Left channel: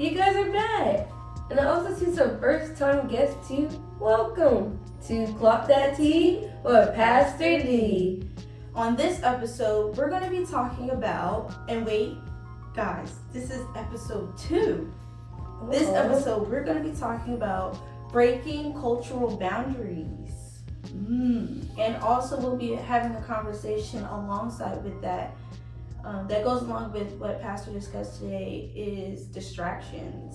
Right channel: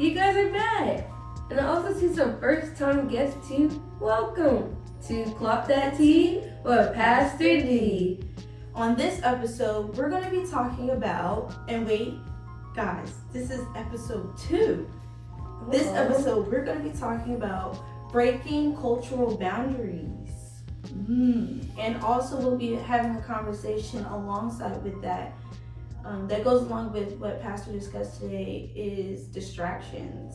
You guys are back. And I also see some first-time guests too. Welcome to Clock That Tea with Pastor D. On this episode, we're going to be talking about, and wait, guys, this is episode 2. This episode, we're going to be talking about breaking cultural boundaries. And also we'll be having a conversation alongside with that. That goes along with what Pastor discussed today is distractions.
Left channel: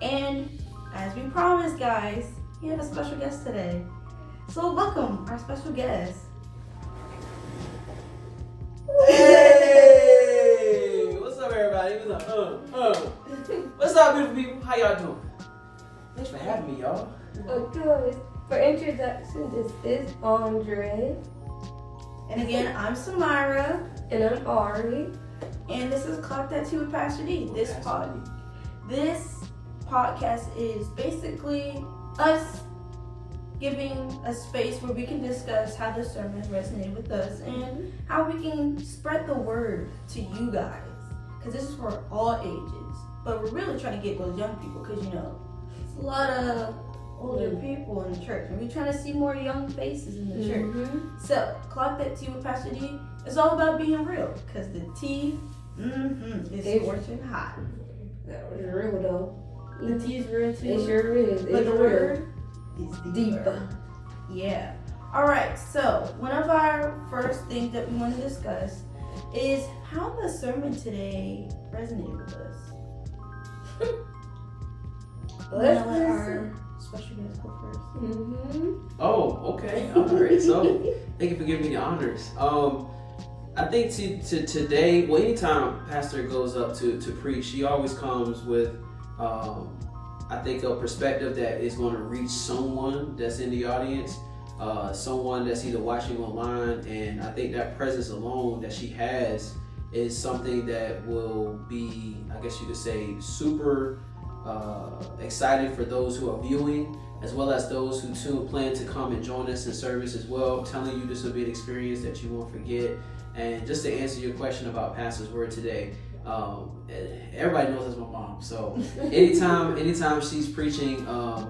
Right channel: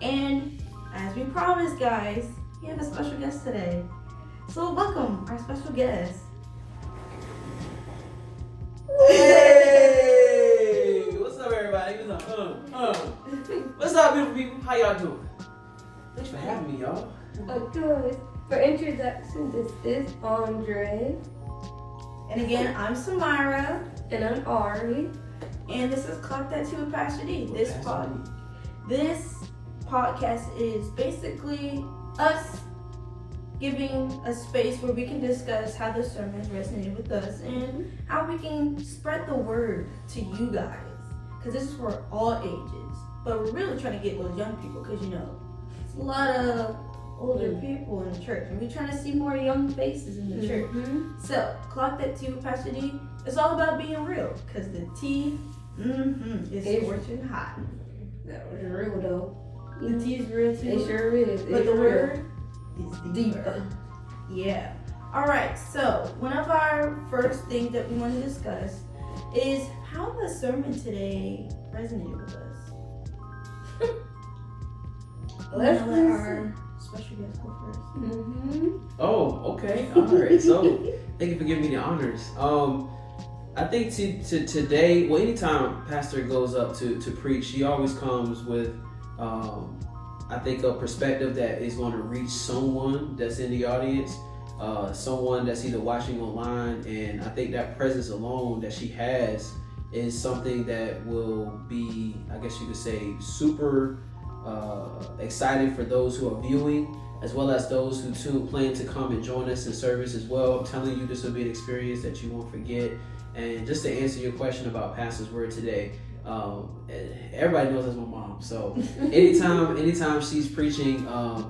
And as we promised, guys, we have a special guest today. So welcome our special guest. Hey! What's up, everybody? What's up, beautiful people? How y'all doing? Thanks for having me, y'all. Of course. For introduction, this is Andre. And again, I'm Samara. And I'm Ari. And this is Clock That Tea with Pastor D. This podcast is basically us giving a space where we can discuss how the sermon resonated with us and how we can spread the word to you guys. Because this is for all ages. But we're really trying to get those young people because, you know, it's a lot of older people in the church. And we're trying to see more young faces in the church. So, Clock That Tea with Pastor D is all about being real. Because the tea is scorching hot. That was real though. The tea is real too. It sure is. But the word is deeper. Yeah. Alright, so one of our first things that we want to discuss is how the sermon today resonated with us. Let's let our special guest go first. Oh, okay. All right. So, thank you for giving me the honors. I think to today, well, anytime Pastor goes up to preach, she always comes with, I think, a perspective that is going to reach someone that's in the audience, someone that's either watching online, and I think that presence alone that she has is something that will be, I guess you could say, super exciting for those who are viewing, as well as those who too plan to come and join us in service as well. I'm telling you, this will be an experience that you won't forget. And just to answer your question about Pastor's word today, everybody knows that's my mom. So anytime she's preaching,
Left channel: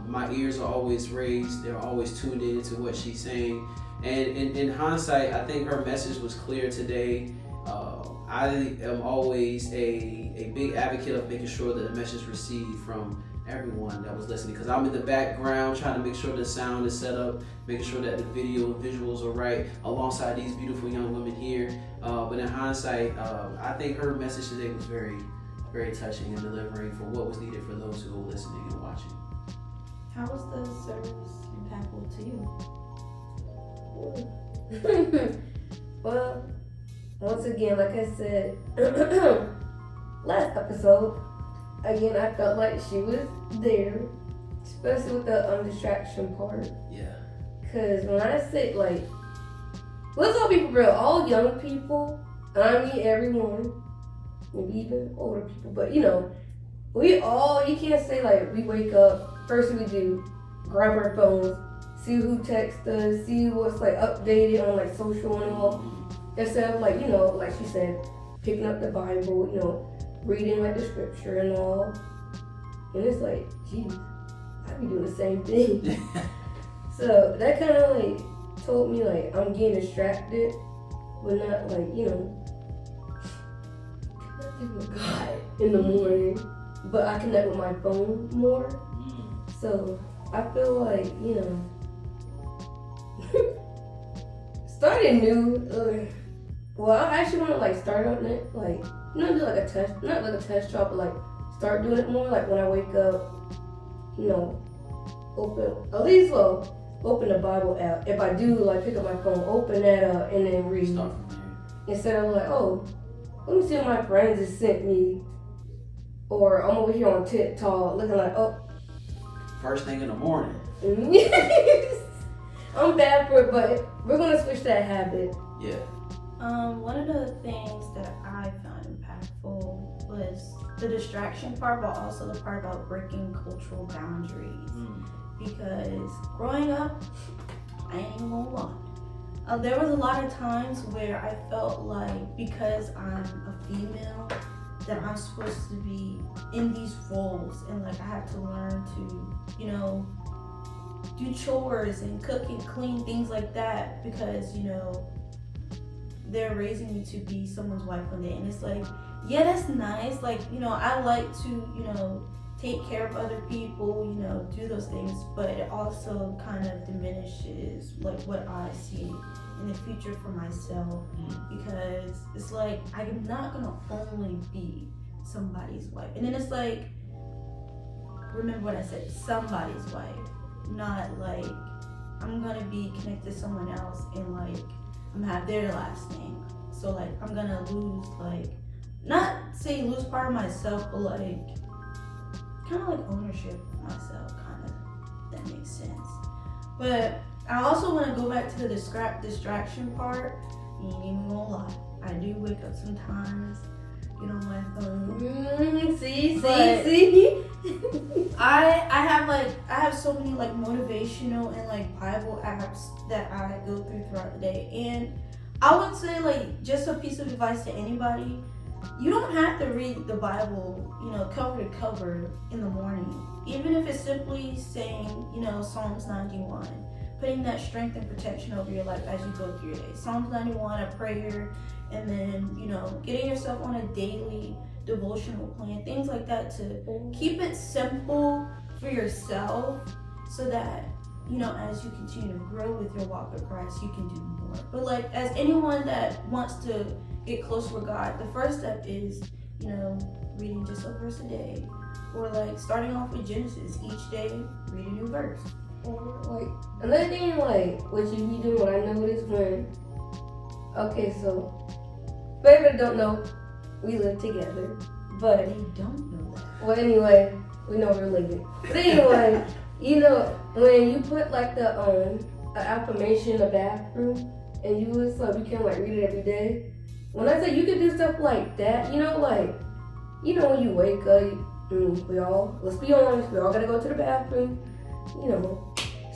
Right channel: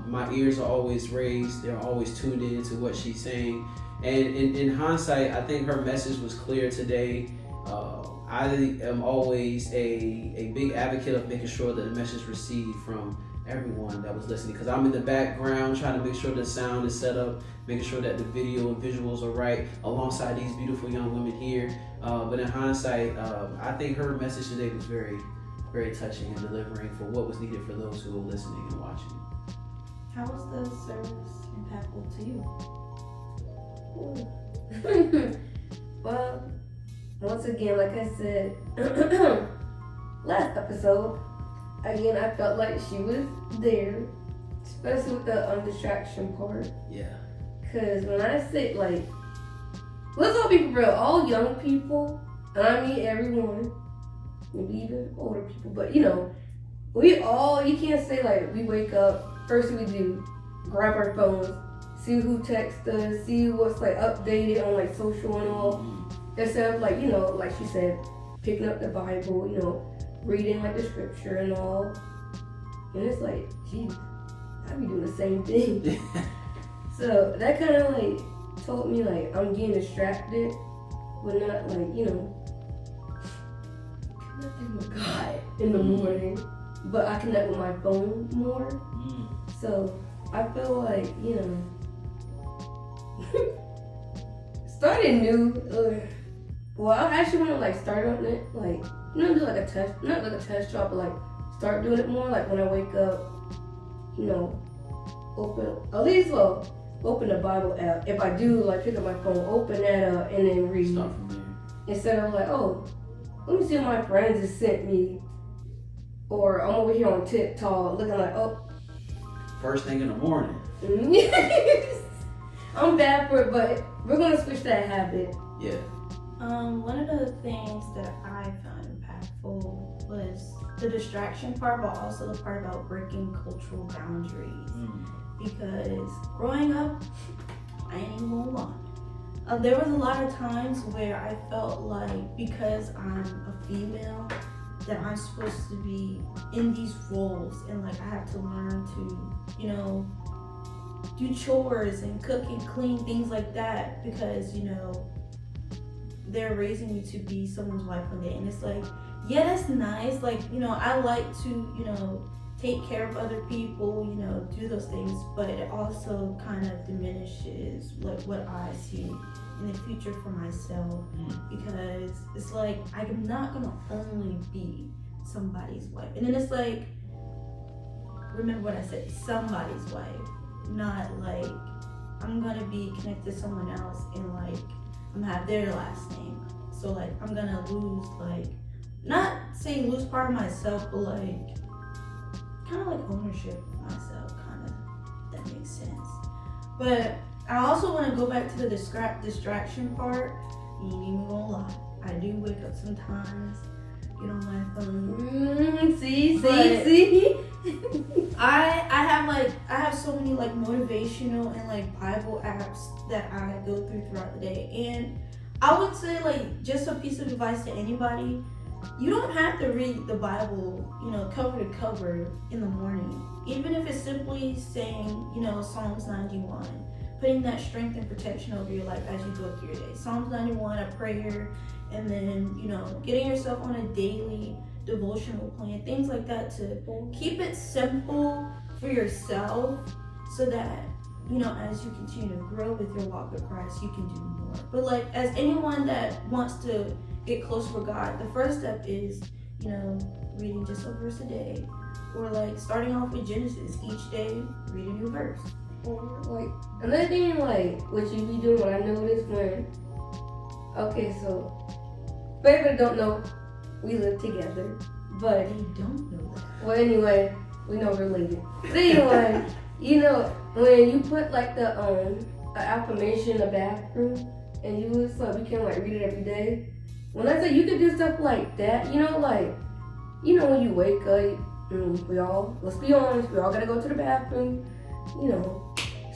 my ears are always raised. They're always tuned in to what she's saying. And in hindsight, I think her message was clear today. I am always a big advocate of making sure that the message received from everyone that was listening, because I'm in the background trying to make sure the sound is set up, making sure that the video and visuals are right alongside these beautiful young women here. But in hindsight, I think her message today was very, very touching and delivering for what was needed for those who were listening and watching. How was the service impactful to you? Well, once again, like I said, last episode, again, I felt like she was there, especially with the distraction part. Yeah. Because when I say, like, let's all be for real, all young people, and I mean everyone, maybe even older people, but you know, we all, you can't say like, we wake up, first thing we do, grab our phones, see who texts us, see what's like updated on like social and all, instead of like, you know, like she said, picking up the Bible, you know, reading like the scripture and all. And it's like, geez, I be doing the same thing. So that kind of like told me like I'm getting distracted, but not like, you know, connecting with God in the morning, but I connect with my phone more. So I feel like, you know, starting new, well, I actually want to like start on it, like, not do like a test, not like a test job, but like start doing it more. Like when I wake up, you know, open the Bible app. If I do like pick up my phone, open that up and then read. Instead of like, oh, let me see what my friends have sent me, or I'm over here on TikTok looking like, oh, First thing in the morning. I'm bad for it, but we're gonna switch that habit. Yeah. One of the things that I found impactful was the distraction part, but also the part about breaking cultural boundaries. Because growing up, I ain't even gonna lie, there was a lot of times where I felt like because I'm a female, that I'm supposed to be in these roles, and like I have to learn to, you know, do chores and cook and clean, things like that, because, you know, they're raising me to be someone's wife one day. And it's like, yeah, that's nice. Like, you know, I like to, you know, take care of other people, you know, do those things, but it also kind of diminishes like what I see in the future for myself, because it's like I'm not gonna only be somebody's wife. And then it's like, remember what I said, somebody's wife, not like I'm gonna be connected to someone else and like I'm gonna have their last name. So like I'm gonna lose, like, not saying lose part of myself, but like kind of like ownership of myself, kind of. That makes sense. But I also want to go back to the distraction part. You ain't even gonna lie, I do wake up sometimes, get on my phone. See. I have so many like motivational and like Bible apps that I go throughout the day, and I would say, like, just a piece of advice to anybody: you don't have to read the Bible, you know, cover to cover in the morning. Even if it's simply saying, you know, Psalms 91, putting that strength and protection over your life as you go through your day. Psalms 91, a prayer, and then, you know, getting yourself on a daily devotional plan, things like that, to keep it simple for yourself, so that, you know, as you continue to grow with your walk with Christ, you can do more. But like, as anyone that wants to get closer with God, the first step is, you know, reading just a verse a day, or like starting off with Genesis. Each day, read a new verse. Like, another thing, like, what you be doing, what I noticed when, okay, so, for everybody don't know, we live together, but They don't know that. well, anyway, we know we're related. But anyway, you know, when you put like the an affirmation in the bathroom, and you was like, we can like read it every day. When I say you can do stuff like that, you know, like, you know, when you wake up, we all, let's be honest, we all gotta go to the bathroom, you know.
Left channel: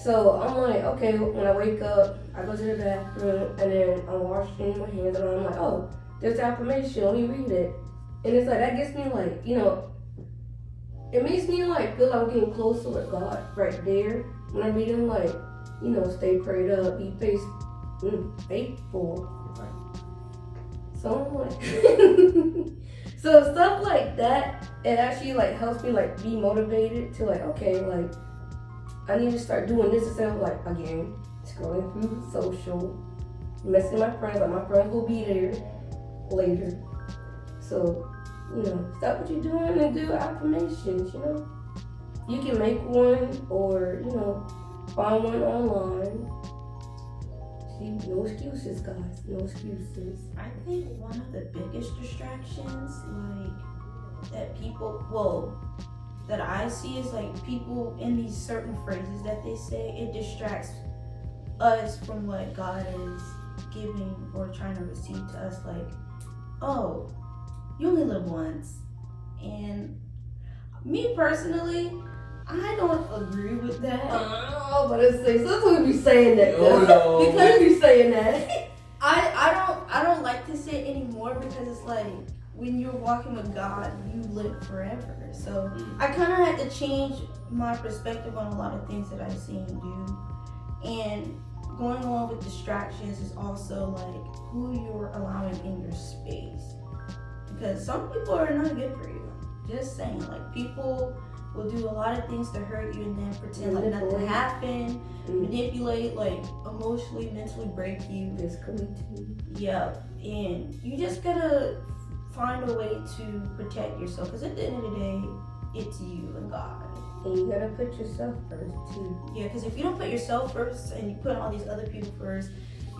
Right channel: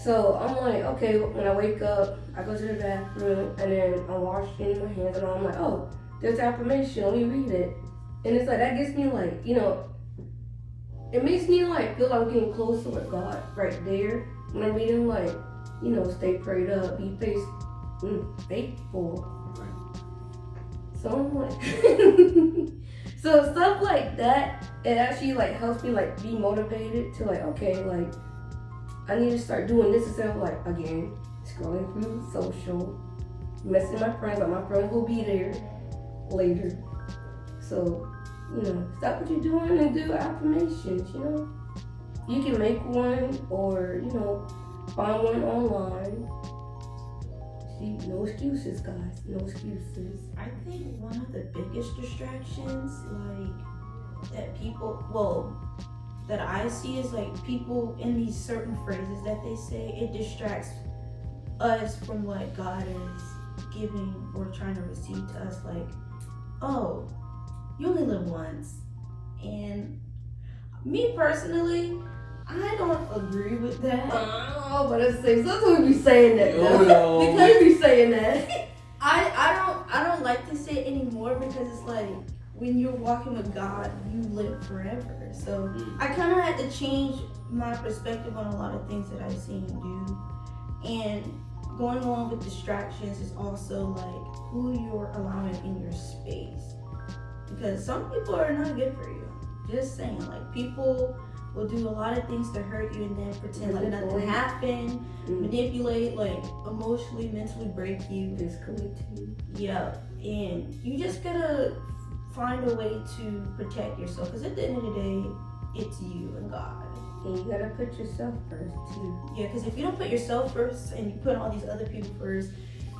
So I'm like, okay, when I wake up, I go to the bathroom, and then I'm washing my hands, and I'm like, oh, there's affirmation, let me read it. And it's like, that gets me like, you know, it makes me like feel like I'm getting closer with God right there when I'm reading, like, you know, stay prayed up, be faithful. Right. So I'm like, so stuff like that, it actually like helps me like be motivated to like, okay, like I need to start doing this instead of like, again, scrolling through social, messing my friends, like my friends will be there later. So, you know, stop what you're doing and do affirmations, you know. You can make one, or, you know, find one online. See, no excuses, guys, no excuses. I think one of the biggest distractions, like, that people, well, that I see is like people in these certain phrases that they say, it distracts us from what God is giving or trying to receive to us. Like, oh, you only live once. And me personally, I don't agree with that. Oh, but it's like, sometimes we be saying that though. No. Because we be saying that. I don't like to say it anymore, because it's like, when you're walking with God, you live forever. So I kind of had to change my perspective on a lot of things that I see and do. And going along with distractions is also like who you're allowing in your space, because some people are not good for you. Just saying, like, people will do a lot of things to hurt you and then pretend like nothing happened, manipulate, like emotionally, mentally break you. Physically too. Yeah, and you just gotta find a way to protect yourself, because at the end of the day, it's you and God. And you gotta put yourself first too. Yeah, because if you don't put yourself first and you put all these other people first,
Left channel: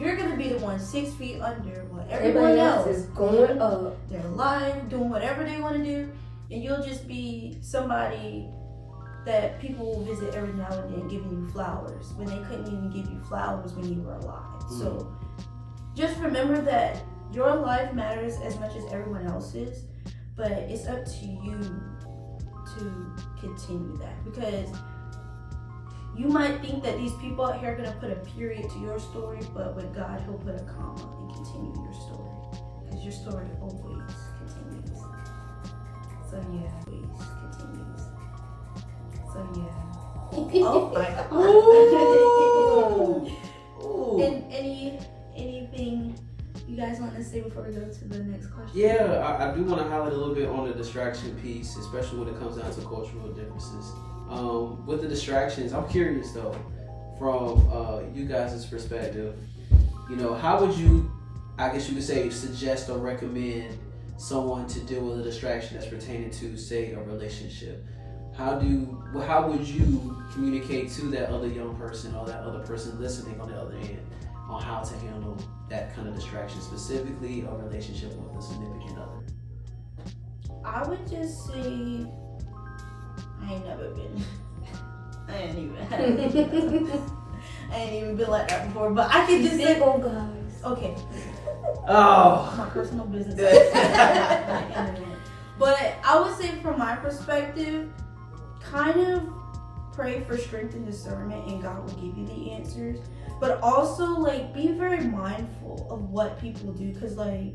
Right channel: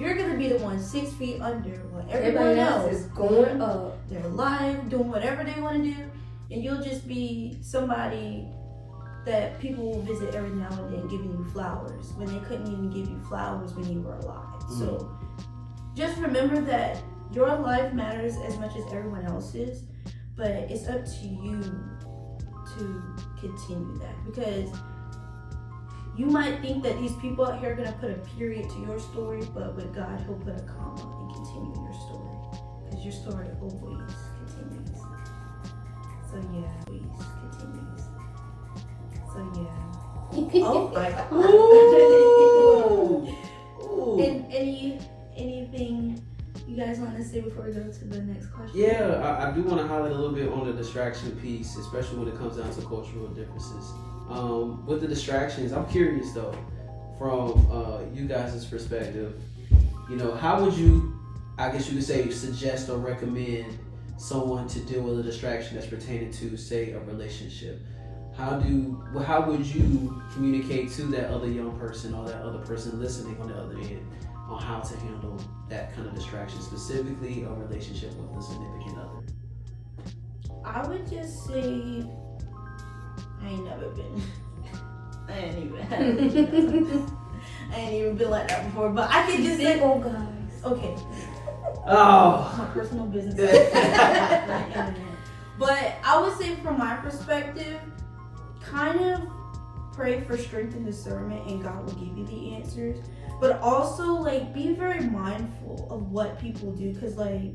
you're gonna be the one 6 feet under while everyone else is going up their life, doing whatever they want to do, and you'll just be somebody that people will visit every now and then, giving you flowers when they couldn't even give you flowers when you were alive. So just remember that your life matters as much as everyone else's, but it's up to you to continue that, because you might think that these people out here are going to put a period to your story, but with God, he'll put a comma and continue your story, because your story always continues. So yeah, please continues. So yeah. Oh my god. Ooh. And anything you guys want to say before we go to the next question? Yeah, I do want to highlight a little bit on the distraction piece, especially when it comes down to cultural differences. With the distractions, I'm curious though, from you guys' perspective, how would you, I guess you could say, suggest or recommend someone to deal with a distraction that's pertaining to, say, a relationship? How would you communicate to that other young person or that other person listening on the other end on how to handle that kind of distraction, specifically a relationship with a significant other? I would just say I ain't never been. I ain't even been like that before. But I can just say, oh guys. Okay. Oh. My personal business. But I would say, from my perspective, kind of pray for strength and discernment, and God will give you the answers. But also, like, be very mindful of what people do, because, like,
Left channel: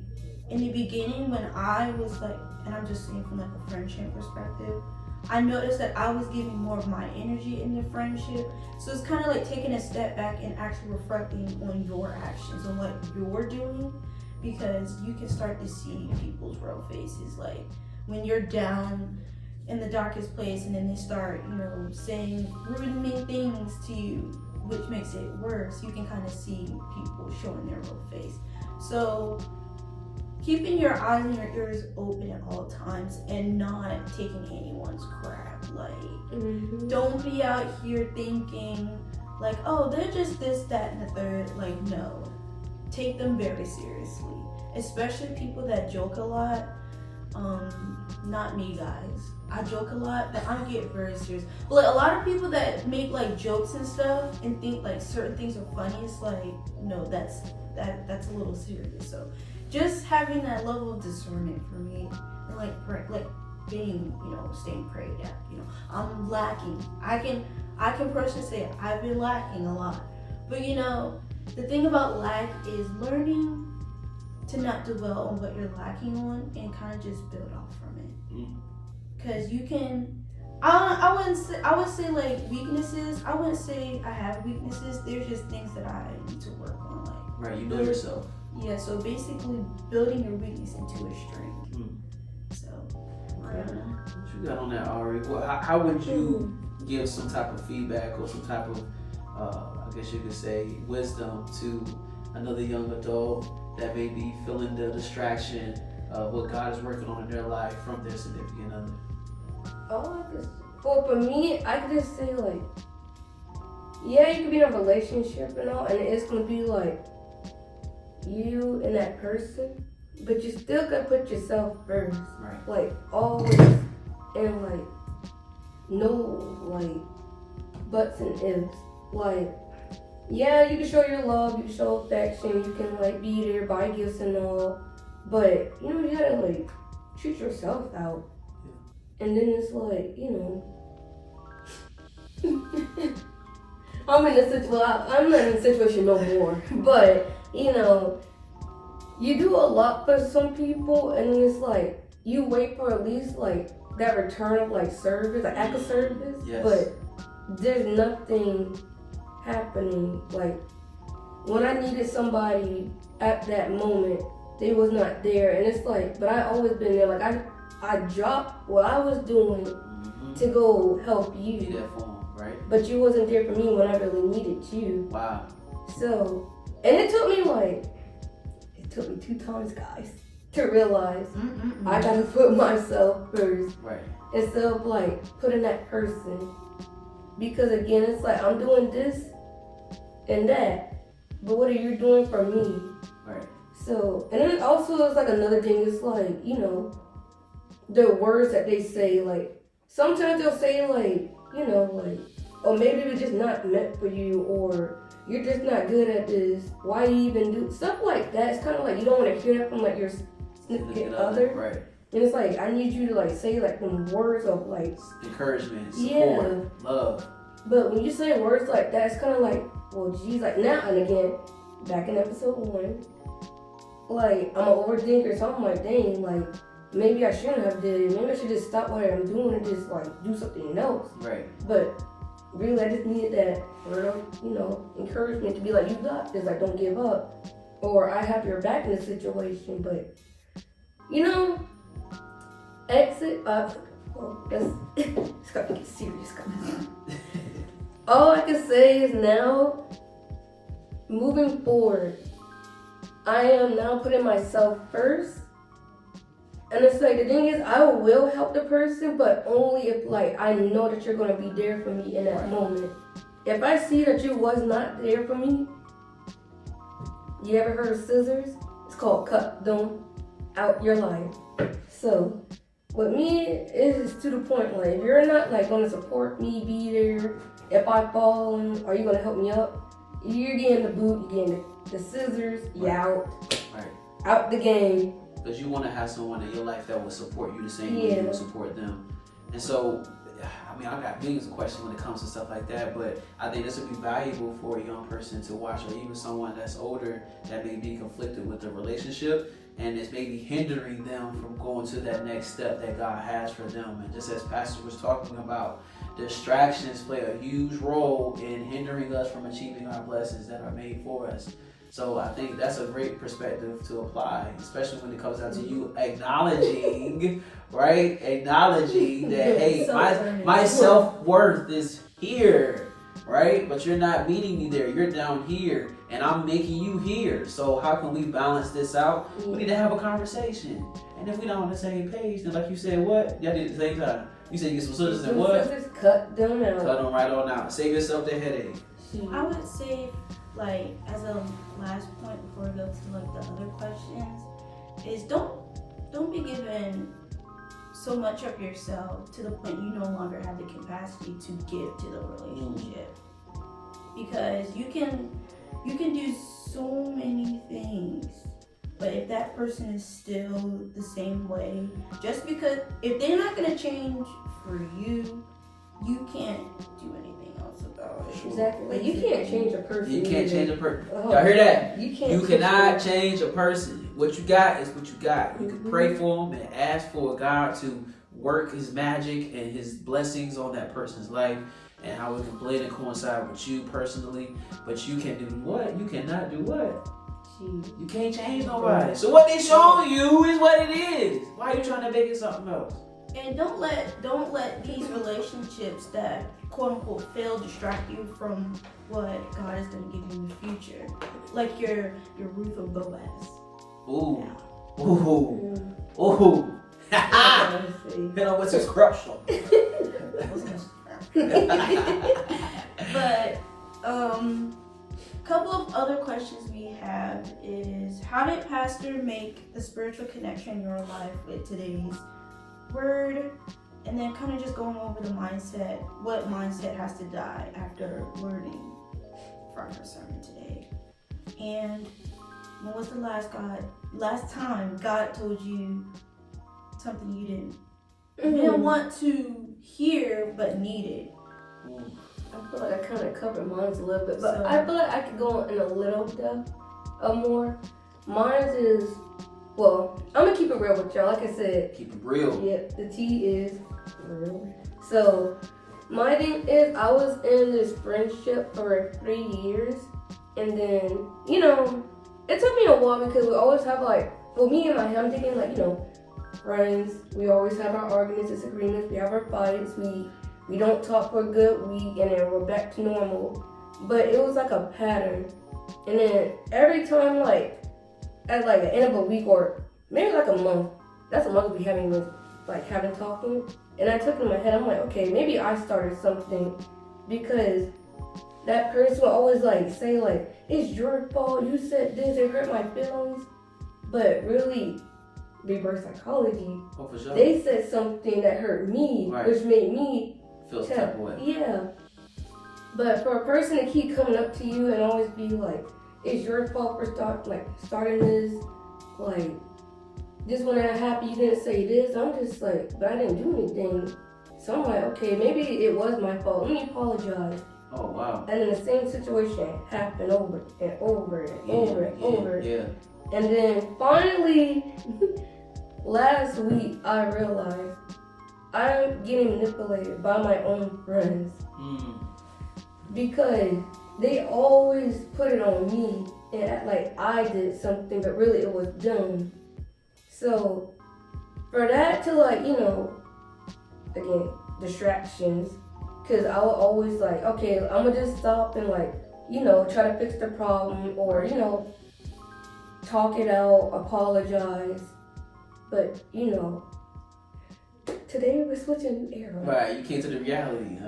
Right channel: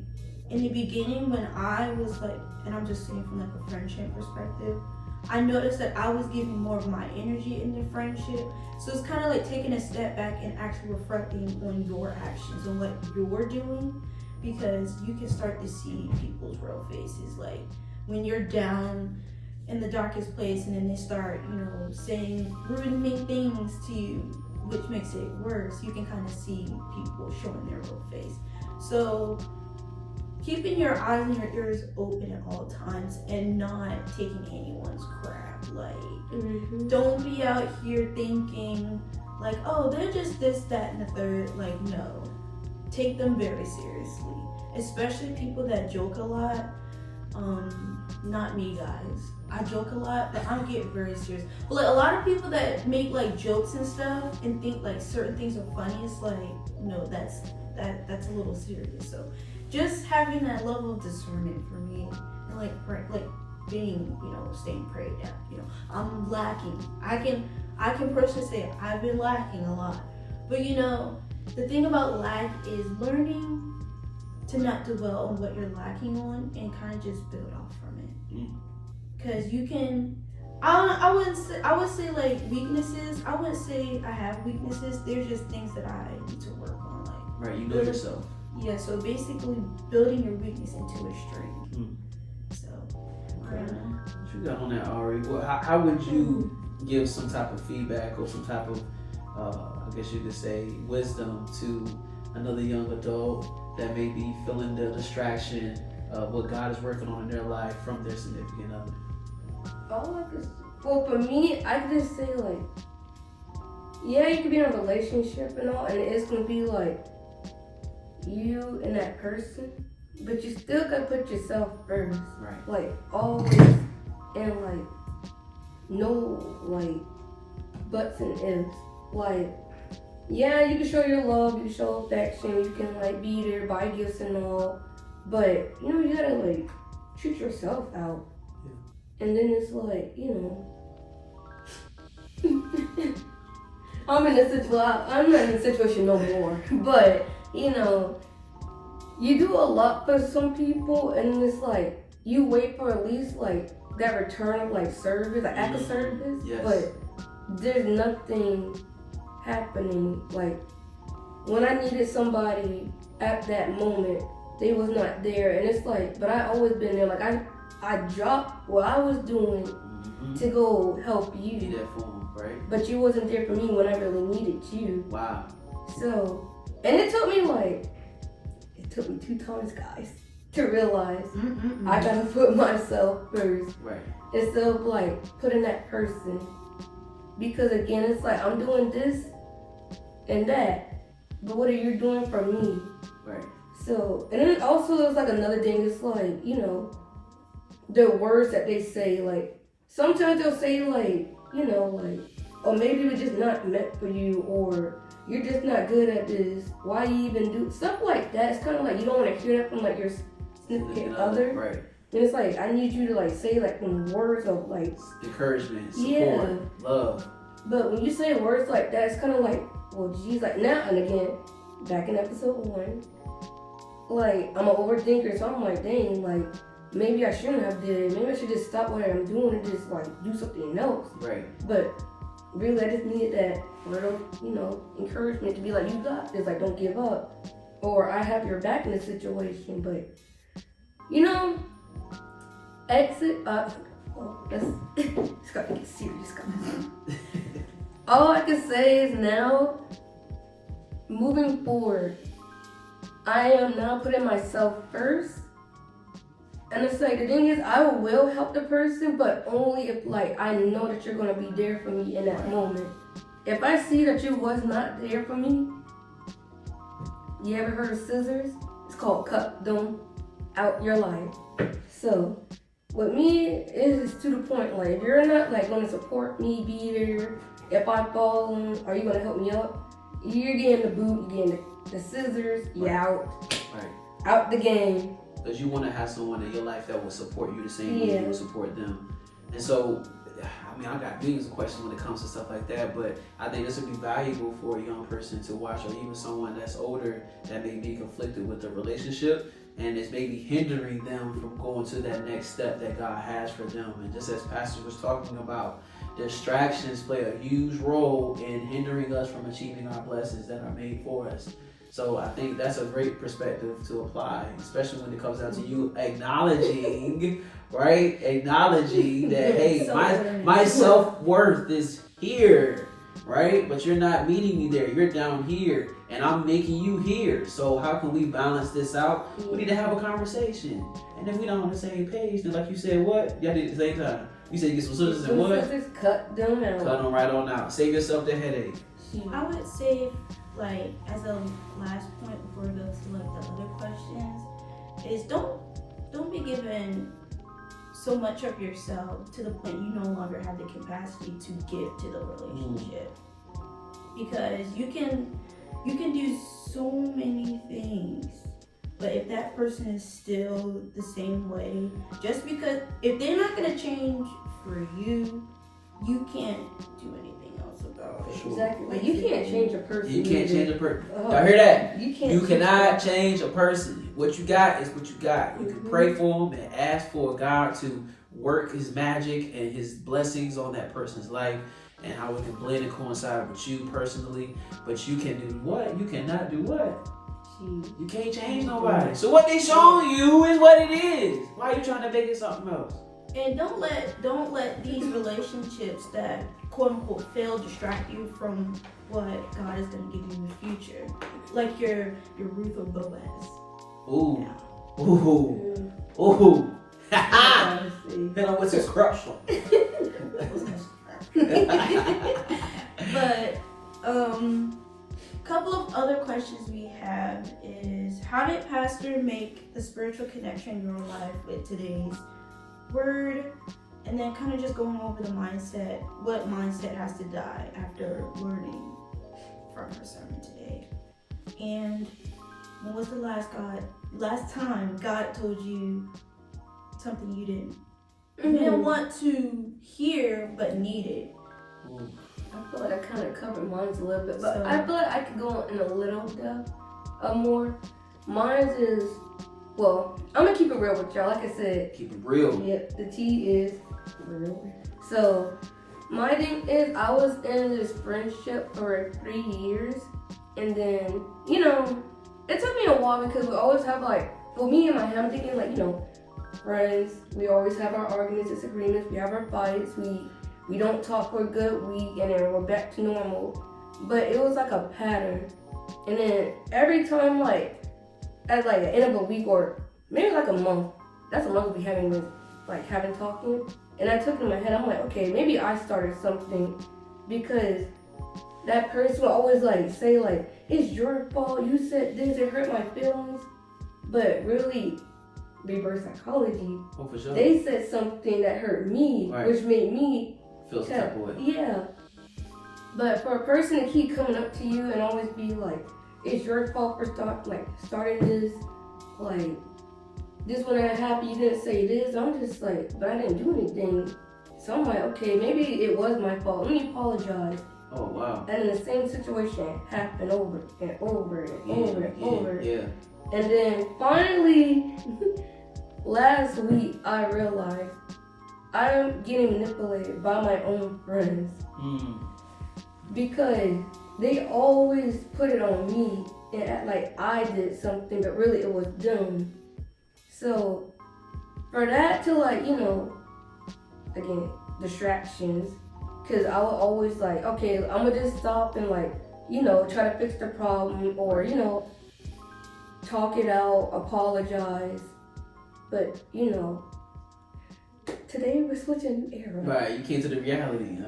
in the beginning, when I was like, and I'm just saying from like a friendship perspective, I noticed that I was giving more of my energy in the friendship. So it's kind of like taking a step back and actually reflecting on your actions and what you're doing, because you can start to see people's real faces. Like, when you're down in the darkest place and then they start, saying rude and mean things to you, which makes it worse, you can kind of see people showing their real face. So keeping your eyes and your ears open at all times and not taking anyone's crap. Like, don't be out here thinking like, oh, they're just this, that, and the third. Like, no. Take them very seriously. Especially people that joke a lot. Not me, guys. I joke a lot, but I get very serious. But like, a lot of people that make like jokes and stuff and think like certain things are funny, it's like, no, that's a little serious. So just having that level of discernment for me, and like being, staying prayed at. I'm lacking. I can personally say I've been lacking a lot. But the thing about lack is learning to not dwell on what you're lacking on and kind of just build off from it. Because you can, I would say like weaknesses. I wouldn't say I have weaknesses. There's just things that I need to work on. Like, right, you know yourself. Yeah, so basically building your weakness into a strength. So, okay. What you got on that, Ari? How would you give some type of feedback or some type of, I guess you could say, wisdom to another young adult that may be feeling the distraction of what God is working on in their life from their significant other? Well, for me, I can just say, like, yeah, you can be in a relationship and all, and it's gonna be like you and that person, but you still gotta put yourself first. Right. Like, always, and like, no, like, buts and ifs. Like, yeah, you can show your love, you can show affection, you can like be there, buy gifts and all, but you gotta like treat yourself out. Yeah. And then it's like, I'm not in a situation no more, but you do a lot for some people, and it's like you wait for at least like that return of like service, like act of service. Yes. But there's nothing happening. Like, when I needed somebody at that moment, they was not there, and it's like, but I always been there. Like, I dropped what I was doing to go help you. Be there for them, right? But you wasn't there for me when I really needed you. Wow. So, and it took me 2 times, guys, to realize I gotta put myself first. Right. Instead of like putting that person. Because again, it's like I'm doing this and that, but what are you doing for me? Right. So, and then also it's like another thing, it's like, the words that they say, like, sometimes they'll say like, like, or maybe it was just not meant for you, or you're just not good at this, why you even do stuff like that. It's kind of like you don't want to hear that from like your significant other. Right. And it's like, I need you to like say like some words of like encouragement, support, love. But when you say words like that, it's kind of like, well, geez, like now and again, back in episode 1, like I'm an overthinker, so I'm like, dang, like maybe I shouldn't have did it. Maybe I should just stop what I'm doing and just like do something else. Right. But really, I just needed that word of, encouragement to be like, you got this, like, don't give up. Or I have your back in this situation. But, exit up. It's got to get serious, guys. All I can say is now, moving forward, I am now putting myself first. And it's like, the thing is, I will help the person, but only if, like, I know that you're going to be there for me in that moment. If I see that you was not there for me, you ever heard of scissors? It's called cut them out your life. So, with me, it's to the point, like, if you're not, like, going to support me, be there, if I fall, are you going to help me up? You're getting the boot, you're getting the scissors, you're out. Right. Out the game. Because you want to have someone in your life that will support you the same way you will support them. And so, I got millions of questions when it comes to stuff like that, but I think this would be valuable for a young person to watch, or even someone that's older that may be conflicted with the relationship and is maybe hindering them from going to that next step that God has for them. And just as Pastor was talking about, distractions play a huge role in hindering us from achieving our blessings that are made for us. So I think that's a great perspective to apply, especially when it comes down to you acknowledging, right? Acknowledging that, hey, my self-worth is here, right? But you're not meeting me there. You're down here, and I'm making you here. So how can we balance this out? We need to have a conversation. And if we don't on the same page, then like you said, what? Y'all did at the same time. You said you get some scissors and what? Just cut them out. Cut them right on out. Save yourself the headache. I would say, like, as a last point before we go to like the other questions, is don't be given so much of yourself to the point you no longer have the capacity to give to the relationship. Because you can do so many things, but if that person is still the same way, just because if they're not gonna change for you, you can't do anything else about it. Exactly. Like, you can't change a person. You can't change a person. Oh, Y'all hear that? You cannot change a person. What you got is what you got. You can pray for them and ask for God to work His magic and His blessings on that person's life, and how it can blend and coincide with you personally. But you can do what? You cannot do what? You can't change nobody. So what they showing you is what it is. Why are you trying to make it something else? And don't let these relationships that quote unquote fail distract you from what God is gonna give you in the future. Like your Ruth or Boaz. Ooh. Yeah. Ooh. Ooh. Ha Hit on with some corruption. But couple of other questions we have is, how did Pastor make the spiritual connection in your life with today's word? And then kind of just going over the mindset, what mindset has to die after learning from our sermon today. And when was the last time God told you something you didn't want to hear but needed? I feel like I kind of covered mine a little bit, but I feel like I could go in a little depth more. Mine is, well, I'm gonna keep it real with y'all. Like I said, keep it real. Yeah, the T is real. So my thing is, I was in this friendship for 3 years, and then it took me a while because we always have me and my him thinking friends. We always have our arguments, disagreements. We have our fights. We don't talk for a good week, and then we're back to normal. But it was like a pattern. And then every time, at the end of a week or maybe like a month, that's a month we having talking. And I took it in my head, I'm like, okay, maybe I started something, because that person would always say it's your fault, you said this, it hurt my feelings. But really, reverse psychology, for sure. They said something that hurt me, right, which made me feel some type of way. Yeah. But for a person to keep coming up to you and always be like, it's your fault for starting this, this when that happened, you didn't say this. I'm just but I didn't do anything. So I'm like, okay, maybe it was my fault. Let me apologize. Oh, wow. And then the same situation happened over and over and over and over. Yeah. And then finally, last week I realized I'm getting manipulated by my own friends because they always put it on me and act like I did something, but really it was them. So for that to again, distractions, because I will always okay, I'm gonna just stop and try to fix the problem or talk it out, apologize, but today we're switching era. Right, you came to the reality.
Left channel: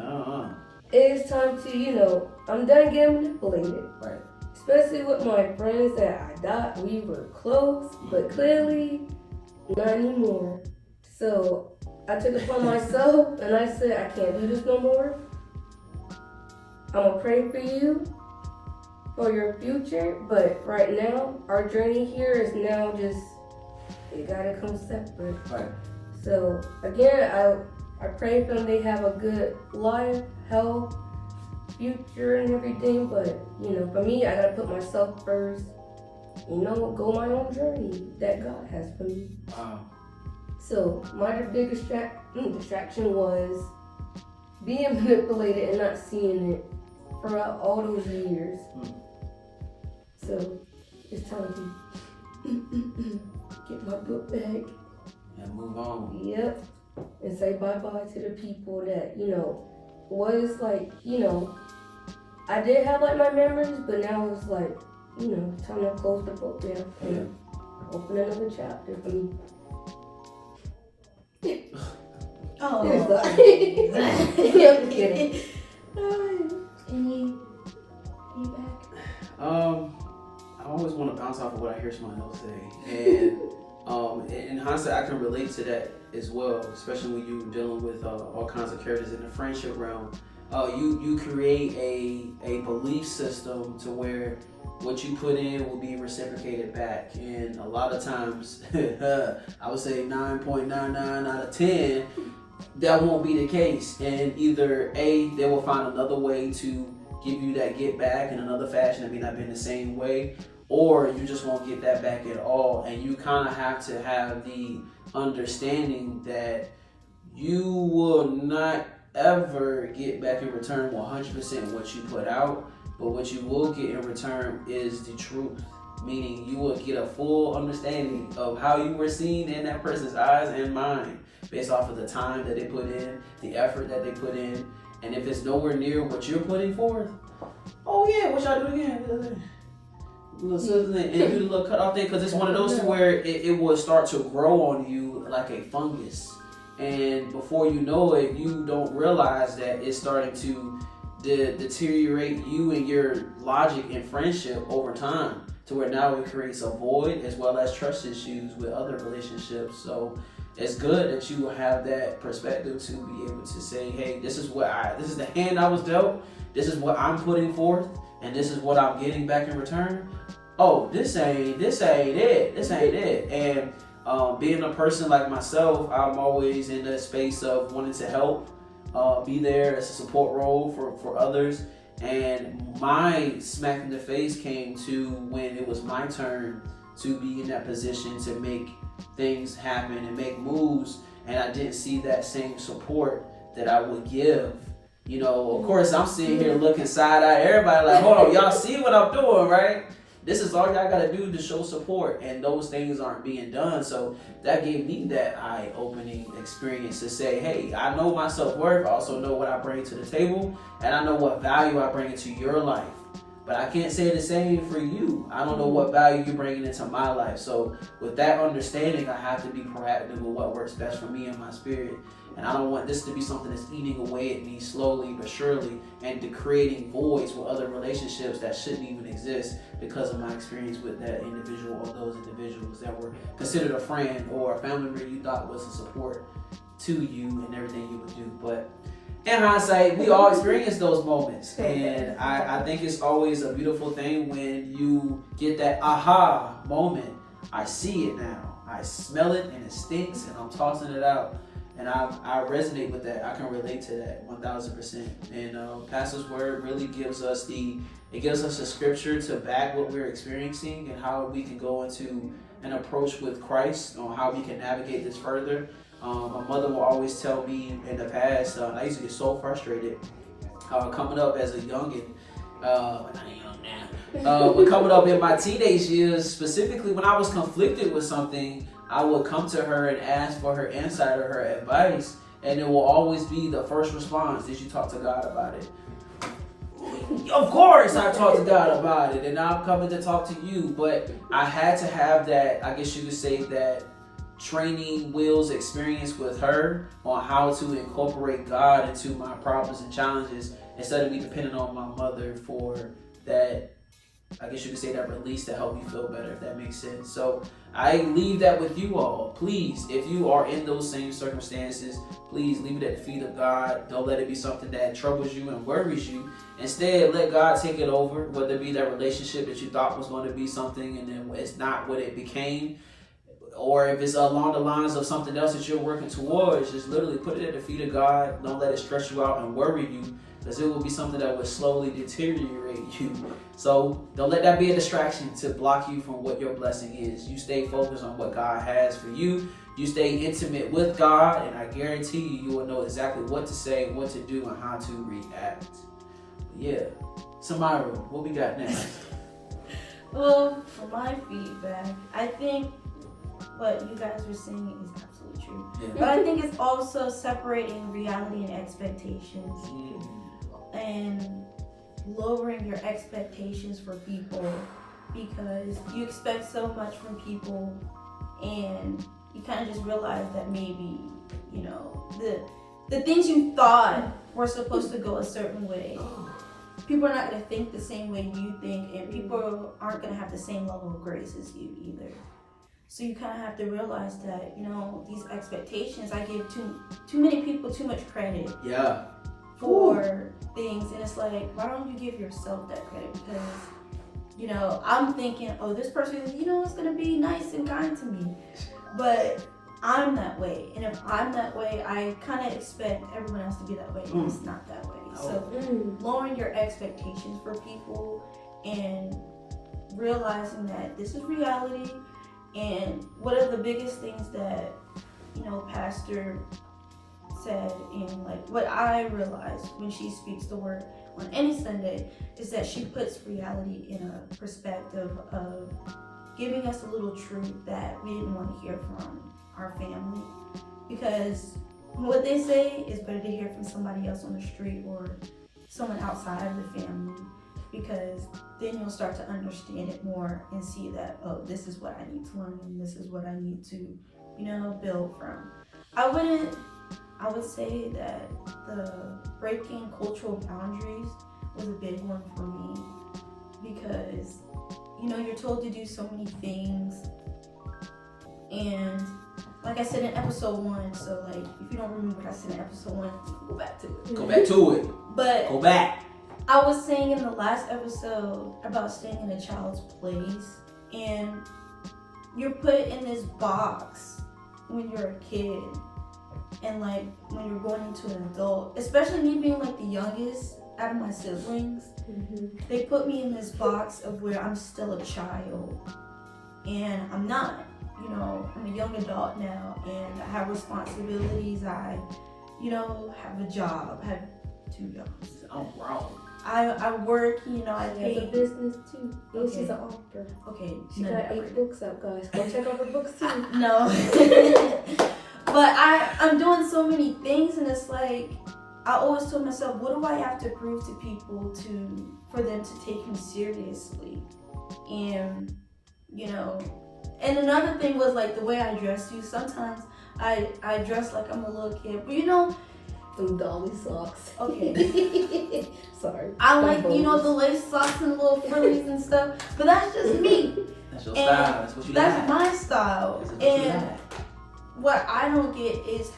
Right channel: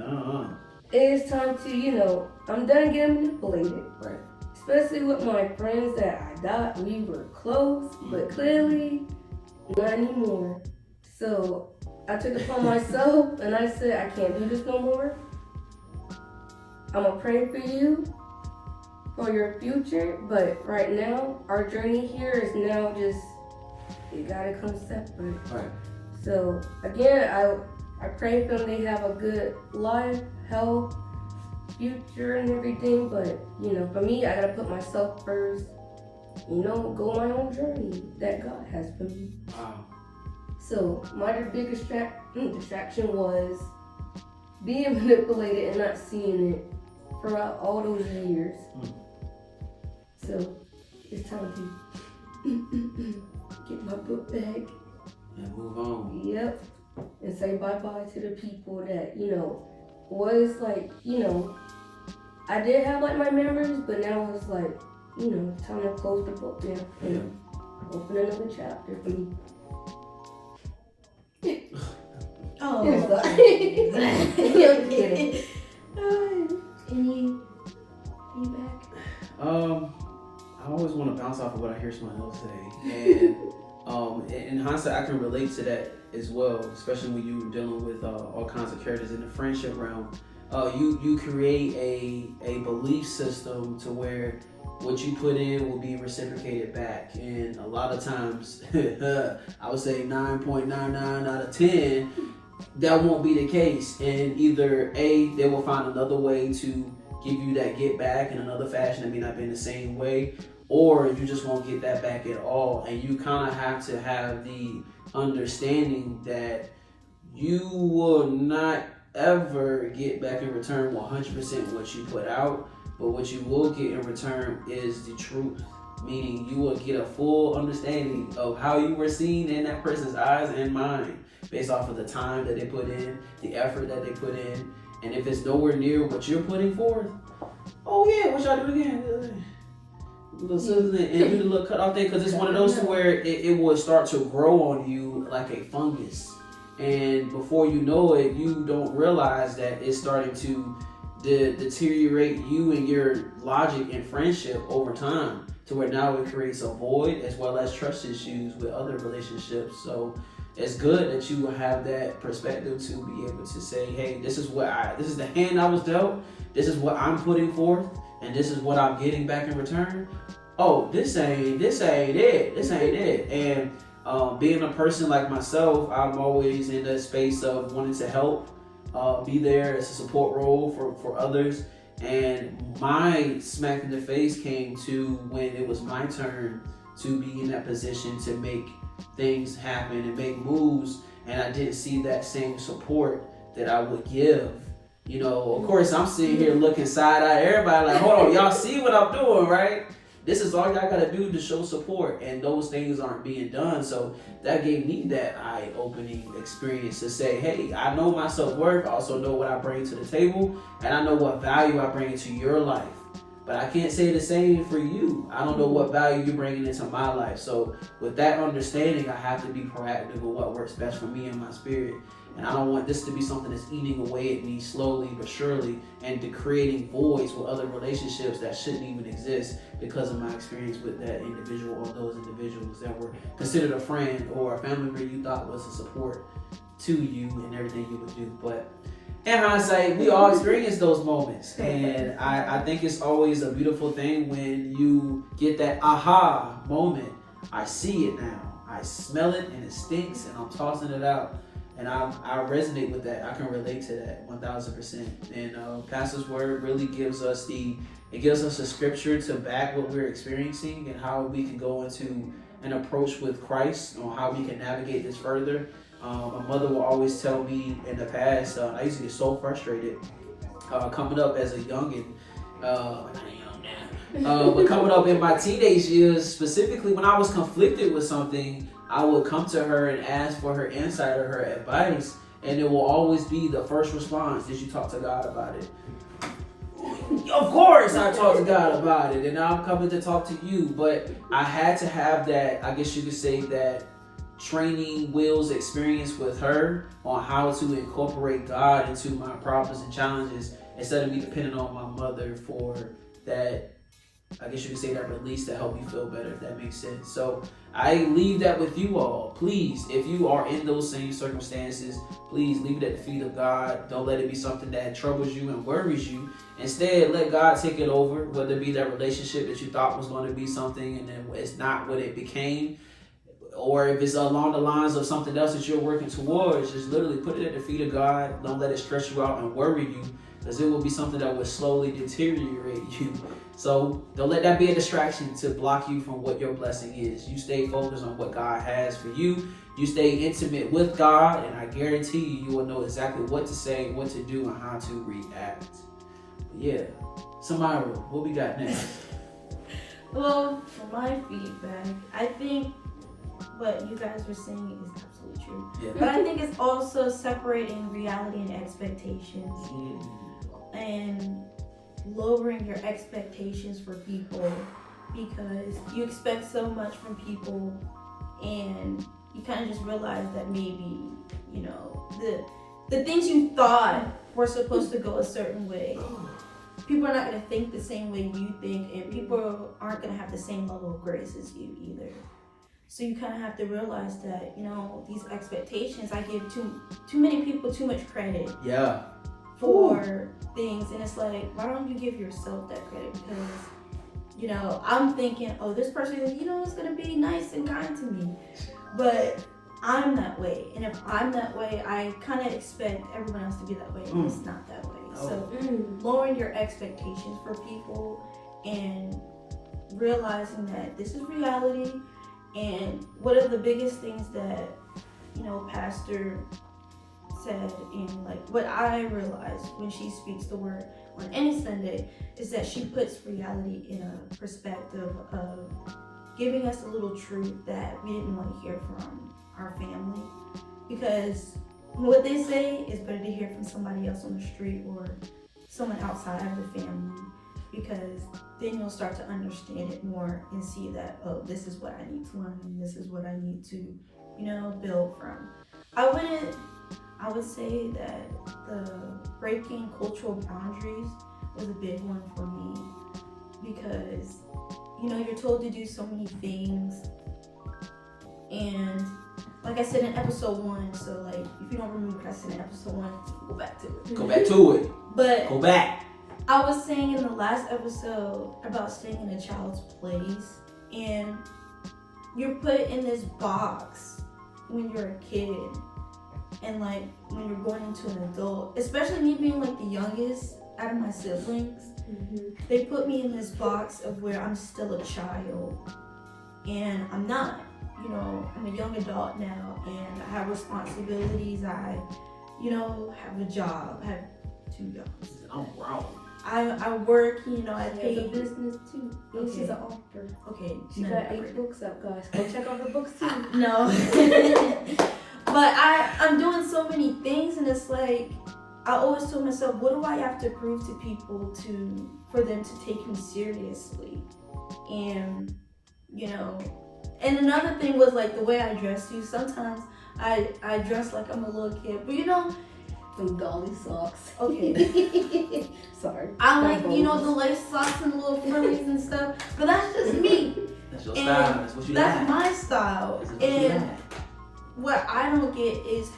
It's time to, I'm done getting manipulated. Right. Especially with my friends that I thought we were close, but clearly not anymore. So I took it upon myself and I said, I can't do this no more. I'm gonna pray for you for your future, but right now our journey here is now just, it gotta come separate. Right. So again, I pray for them, they have a good life, health, future and everything, but for me, I gotta put myself first, go my own journey that God has for me. Wow. So my big distraction was being manipulated and not seeing it throughout all those years. So it's time to get my book back And move on. Yep. And say bye-bye to the people that, was I did have my memories, but now it's time to close the book down and open another chapter for me. Oh. I'm kidding. Any feedback? I always want to bounce off of what I hear someone else say, and in hindsight, I can relate to that as well, especially when you're dealing with all kinds of characters in the friendship realm. You create a belief system to where what you put in will be reciprocated back, and a lot of times, I would say 9.99 out of 10, that won't be the case, and either A, they will find another way to give you that get back in another fashion. It may not be in the same way, or you just won't get that back at all. And you kind of have to have the understanding that you will not ever get back in return 100% what you put out, but what you will get in return is the truth, meaning you will get a full understanding of how you were seen in that person's eyes and mind based off of the time that they put in, the effort that they put in. And if it's nowhere near what you're putting forth, oh yeah, what y'all do again? And do the little cut off thing, because it's one of those where it will start to grow on you like a fungus. And before you know it, you don't realize that it's starting to deteriorate you and your logic and friendship over time, to where now it creates a void as well as trust issues with other relationships. So it's good that you will have that perspective to be able to say, hey, this is the hand I was dealt, this is what I'm putting forth, and this is what I'm getting back in return. Oh, this ain't it. And being a person like myself, I'm always in the space of wanting to help, be there as a support role for others. And my smack in the face came to when it was my turn to be in that position to make things happen and make moves, and I didn't see that same support that I would give. Of course, I'm sitting here looking side-eyed at everybody like, hold on, y'all see what I'm doing, right? This is all y'all gotta do to show support, and those things aren't being done. So that gave me that eye-opening experience to say, hey, I know my self-worth, I also know what I bring to the table, and I know what value I bring into your life. But I can't say the same for you. I don't know what value you're bringing into my life. So with that understanding, I have to be proactive with what works best for me and my spirit. And I don't want this to be something that's eating away at me slowly but surely, and creating voids with other relationships that shouldn't even exist because of my experience with that individual or those individuals that were considered a friend or a family member you thought was a support to you and everything you would do. But in hindsight, we all experience those moments, and I think it's always a beautiful thing when you get that aha moment. I see it now, I smell it, and it stinks, and I'm tossing it out, and I resonate with that. I can relate to that 1000%. And Pastor's word really gives us a scripture to back what we're experiencing and how we can go into an approach with Christ on how we can navigate this further. My mother will always tell me in the past, I used to get so frustrated coming up as a youngin'. But coming up in my teenage years, specifically when I was conflicted with something, I would come to her and ask for her insight or her advice, and it will always be the first response: did you talk to God about it? Of course I talked to God about it, and now I'm coming to talk to you. But I had to have that, I guess you could say, that training wheels experience with her on how to incorporate God into my problems and challenges, instead of me depending on my mother for that, I guess you could say, that release to help you feel better, if that makes sense. So I leave that with you all. Please, if you are in those same circumstances, please leave it at the feet of God. Don't let it be something that troubles you and worries you. Instead, let God take it over, whether it be that relationship that you thought was going to be something and then it's not what it became, or if it's along the lines of something else that you're working towards. Just literally put it at the feet of God. Don't let it stress you out and worry you, because it will be something that will slowly deteriorate you. So don't let that be a distraction to block you from what your blessing is. You stay focused on what God has for you. You stay intimate with God, and I guarantee you, you will know exactly what to say, what to do, and how to react. But yeah, Samira, what we got next? Well, for my feedback, I think what you guys were saying is absolutely true. Yeah. But I think it's also separating reality and expectations. And lowering your expectations for people, because you expect so much from people and you kind of just realize that maybe, you know, the things you thought were supposed to go a certain way, people are not going to think the same way you think, and people aren't going to have the same level of grace as you either. So you kind of have to realize that, you know, these expectations, I give too many people too much credit. Yeah. For things, and it's like, why don't you give yourself that credit? Because, you know, I'm thinking, oh, this person, you know, is gonna be nice and kind to me, but I'm that way, and if I'm that way, I kind of expect everyone else to be that way, and it's not that way. So lowering your expectations for people and realizing that this is reality. And one of the biggest things that, you know, Pastor said, in like what I realized when she speaks the word on any Sunday, is that she puts reality in a perspective of giving us a little truth that we didn't want to hear from our family, because what they say is better to hear from somebody else on the street or someone outside of the family, because then you'll start to understand it more and see that, oh, this is what I need to learn and this is what I need to, you know, build from. I would say that the breaking cultural boundaries was a big one for me, because, you know, you're told to do so many things, and like I said in episode 1, so like if you don't remember what I said in episode 1, go back to it. Go back to it. But go back. I was saying in the last episode about staying in a child's place, and you're put in this box when you're a kid. And like when you're going into an adult, especially me being like the youngest out of my siblings, they put me in this box of where I'm still a child, and I'm not. You know, I'm a young adult now, and I have responsibilities. I, you know, have a job. I have 2 jobs. I'm grown. I work. You know, I pay. She has a business too. And Okay. she's an author. Okay. She got 8 books out, guys. Go check out her books too. No. But I'm doing so many things, and it's like, I always told myself, what do I have to prove to people for them to take me seriously? And, you know, and another thing was like the way I dress too. Sometimes I dress like I'm a little kid, but you know, Them dolly socks. Okay. Sorry. I like, you know, the lace socks and little frillies and stuff, but that's just me. That's your style. That's what you That's like. my style. That's what you And like. what I don't get is,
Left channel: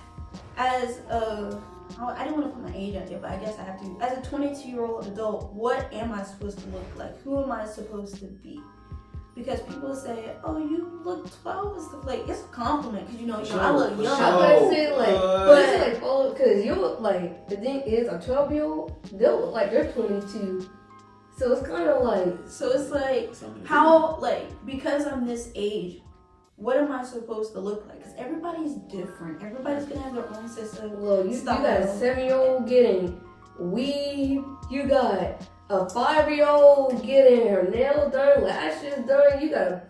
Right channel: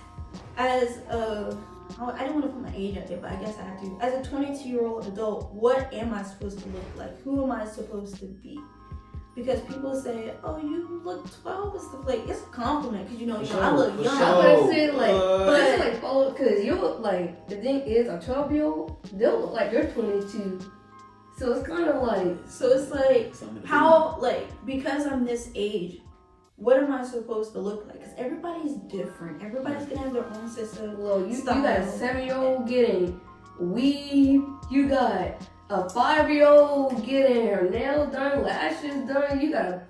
as a, I didn't want to put my age out there, but I guess I have to. As a 22-year-old adult, what am I supposed to look like? Who am I supposed to be? Because people say, "Oh, you look 12" and stuff. Like, it's a compliment, because you know, I look young. I would say like, but it's like, oh, because you look like, the thing is, a 12-year-old, they'll look like they're 22. So it's kind of like, so it's like, how, like, because I'm this age, what am I supposed to look like? Because everybody's different. Everybody's gonna have their own system. Well, you style. got a 7-year-old getting weave. You got a 5-year-old getting her nails done, lashes done.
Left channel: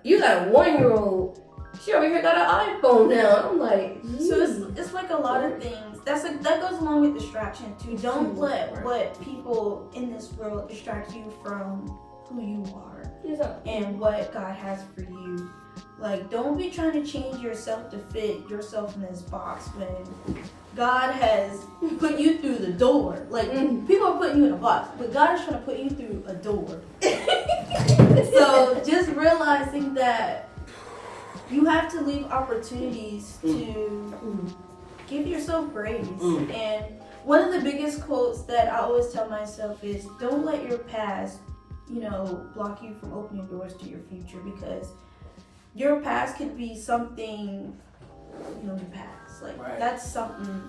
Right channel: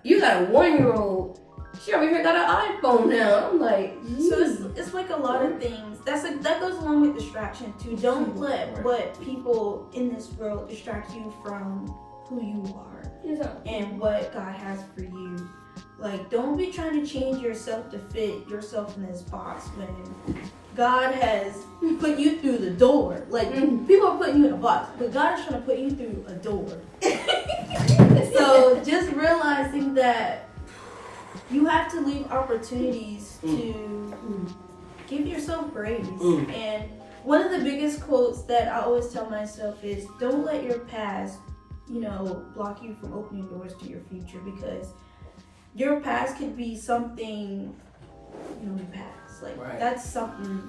You got a 1-year-old. She over here got an iPhone now. I'm like, so it's like a lot of things. That goes along with distraction too. Don't let what people in this world distract you from who you are and what God has for you. Like, don't be trying to change yourself to fit yourself in this box when God has put you through the door. Like, people are putting you in a box, but God is trying to put you through a door. So just realizing that you have to leave opportunities to give yourself grace. And one of the biggest quotes that I always tell myself is, don't let your past, block you from opening doors to your future, because your past could be something, your past. Like, that's something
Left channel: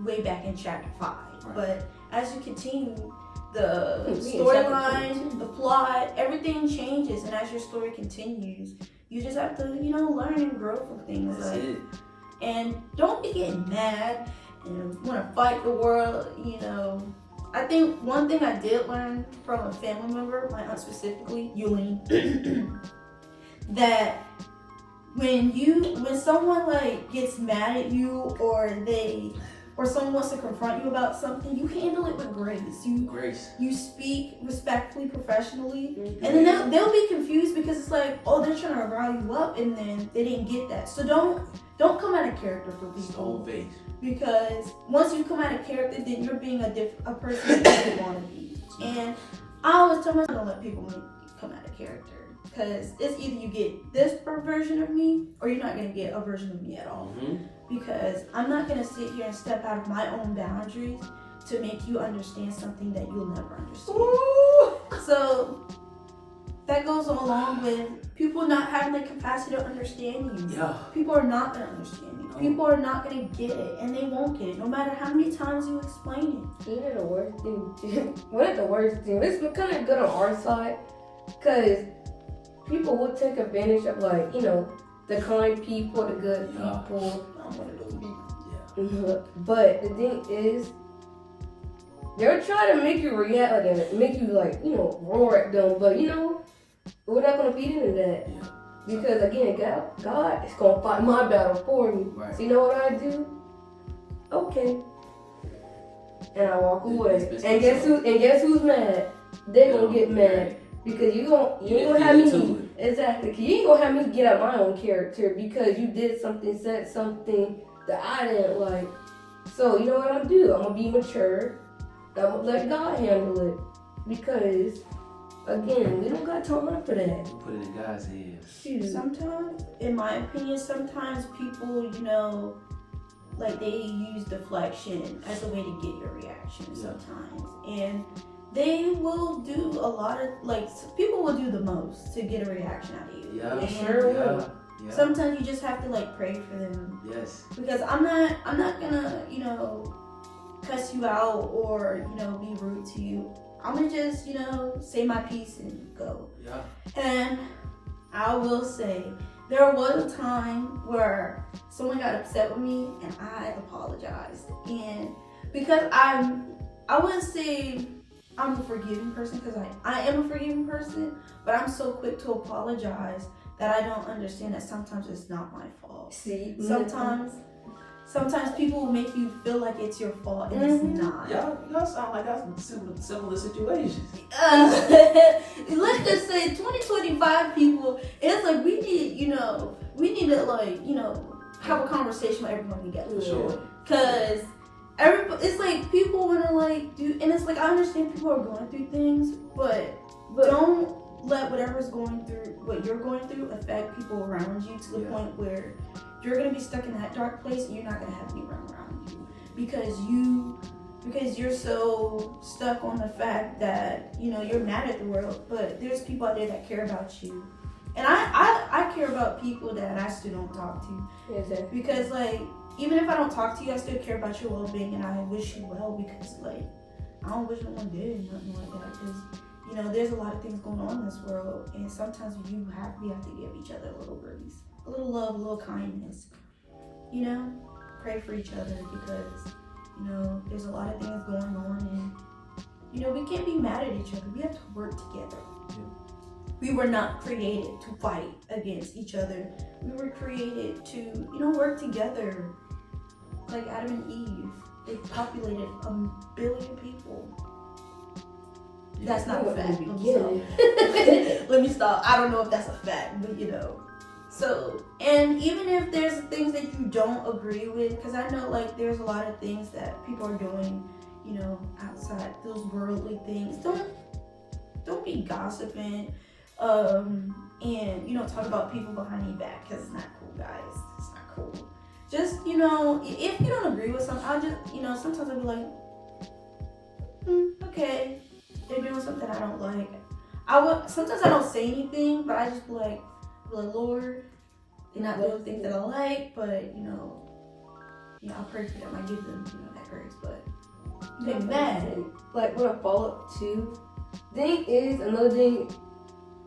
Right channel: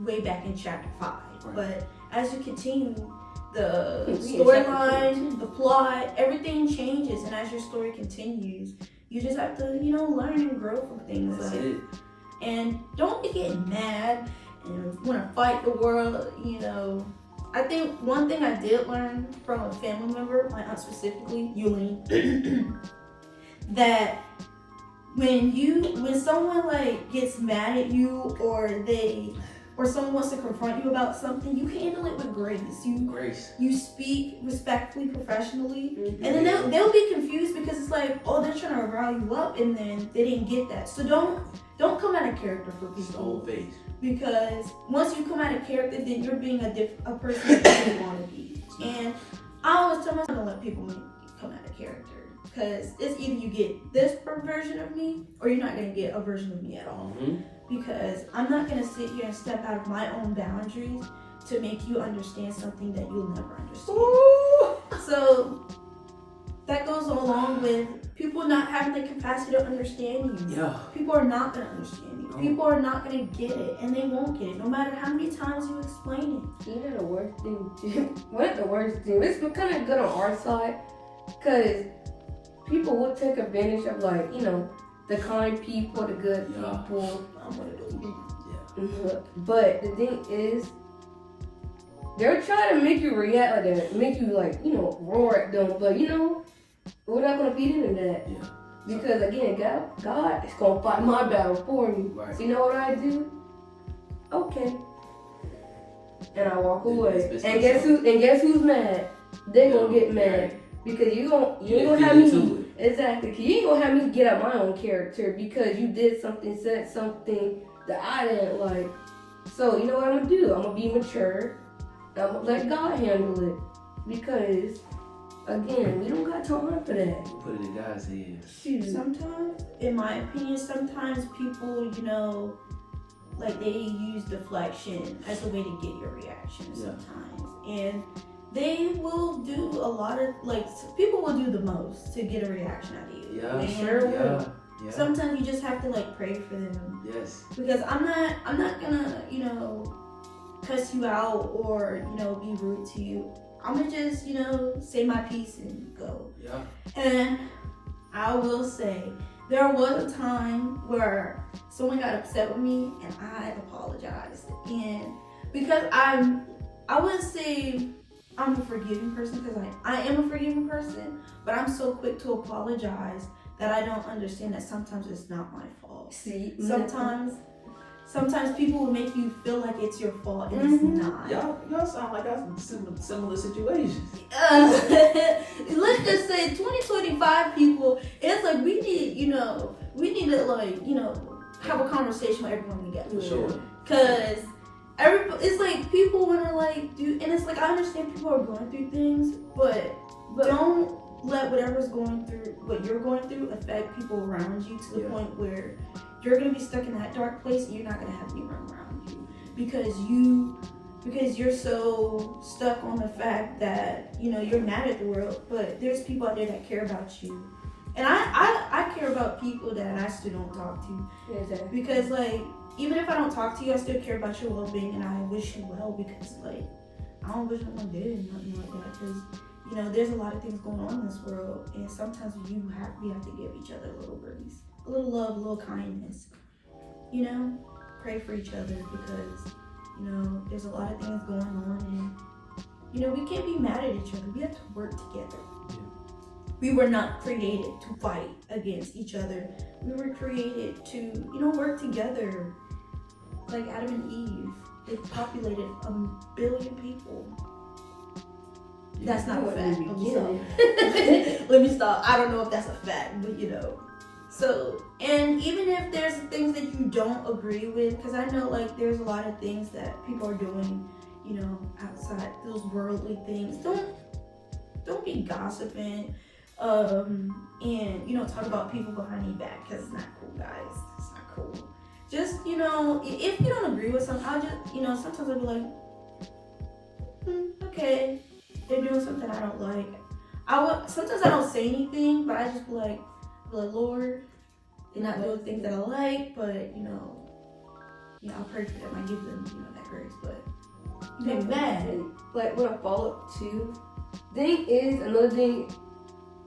way back in chapter 5. Right. But as you continue, the storyline, the plot, everything changes. And as your story continues, you just have to, learn and grow from things. That's it. And don't be getting mad and want to fight the world, I think one thing I did learn from a family member, my aunt specifically, Yulene, that when someone like gets mad at you or someone wants to confront you about something, you handle it with grace. You speak respectfully, professionally, and then they'll be confused because it's like, oh, they're trying to rile you up, and then they didn't get that. So don't come out of character for people. Because once you come out of character, then you're being a person that you don't want to be. And I always tell myself to let people come out of character. Because it's either you get this version of me, or you're not going to get a version of me at all. Because I'm not going to sit here and step out of my own boundaries to make you understand something that you'll never understand. So that goes along with people not having the capacity to understand you. Yeah. People are not going to understand you. People are not going to get it, and they won't get it, no matter how many times you explain it. You know the worst thing? One of the worst things, it's been kind of good on our side, because people will take advantage of, like, the kind people, the good people. I'm one of those people. But the thing is, they're trying to make you react like that, make you, like, roar at them, but, we're not going to feed into that. Yeah. Because, again, God is going to fight my battle for me. Right. So you know what I do? Okay. And I walk away. And guess who's mad? They're going to get mad. Because you ain't gonna have me. Exactly. Because you ain't gonna have me get out my own character because you did something, said something that I didn't like. So you know what I'm gonna do? I'm gonna be mature. I'm gonna let God handle it. Because again, we don't got time for that. Put it in God's hands. Sometimes, in my opinion, sometimes people, like they use deflection as a way to get your reaction sometimes. And they will do a lot of, like, people will do the most to get a reaction out of you. Yeah, and sure will. Yeah. Sometimes you just have to, like, pray for them. Yes. Because I'm not gonna, cuss you out or, be rude to you. I'm gonna just, say my piece and go. Yeah. And I will say, there was a time where someone got upset with me and I apologized. And because I wouldn't say I'm a forgiving person, because I am a forgiving person, but I'm so quick to apologize that I don't understand that sometimes it's not my fault. See, sometimes people will make you feel like it's your fault, and it's not. Y'all sound like y'all in similar situations. Let's just say 2025 people, it's like we need to, like, have a conversation with everyone together. For sure. Because it's like people want to, like, do, and it's like, I understand people are going through things, but don't let what you're going through affect people around you to the point where you're going to be stuck in that dark place and you're not going to have anyone around you because you're so stuck on the fact that, you're mad at the world, but there's people out there that care about you. And I care about people that I still don't talk to. Exactly. Because, like, even if I don't talk to you, I still care about your well-being, and I wish you well, because, like, I don't wish no one did nothing like that, because, there's a lot of things going on in this world, and sometimes we have to give each other a little grace. a little love, a little kindness. You know, pray for each other because, you know, there's a lot of things going on and, you know, we can't be mad at each other. We have to work together. Yeah. We were not created to fight against each other. We were created to, you know, work together. Like Adam and Eve, they populated 1 billion people. That's not a fact. Let me stop. I don't know if that's a fact, but you know. So, and even if there's things that you don't agree with, because I know like there's a lot of things that people are doing, you know, outside those worldly things. Don't be gossiping, and you know, talk about people behind your back, because it's not cool, guys. It's not cool. Just, you know, if you don't agree with something, I'll just, you know, sometimes I'll be like, okay, they're doing something I don't like. Sometimes I don't say anything, but I just be like, Lord, they're not doing things that I like, but, you know, I'll pray for them. I give them, you know, that grace, but you get mad. Like, when I follow up too, another thing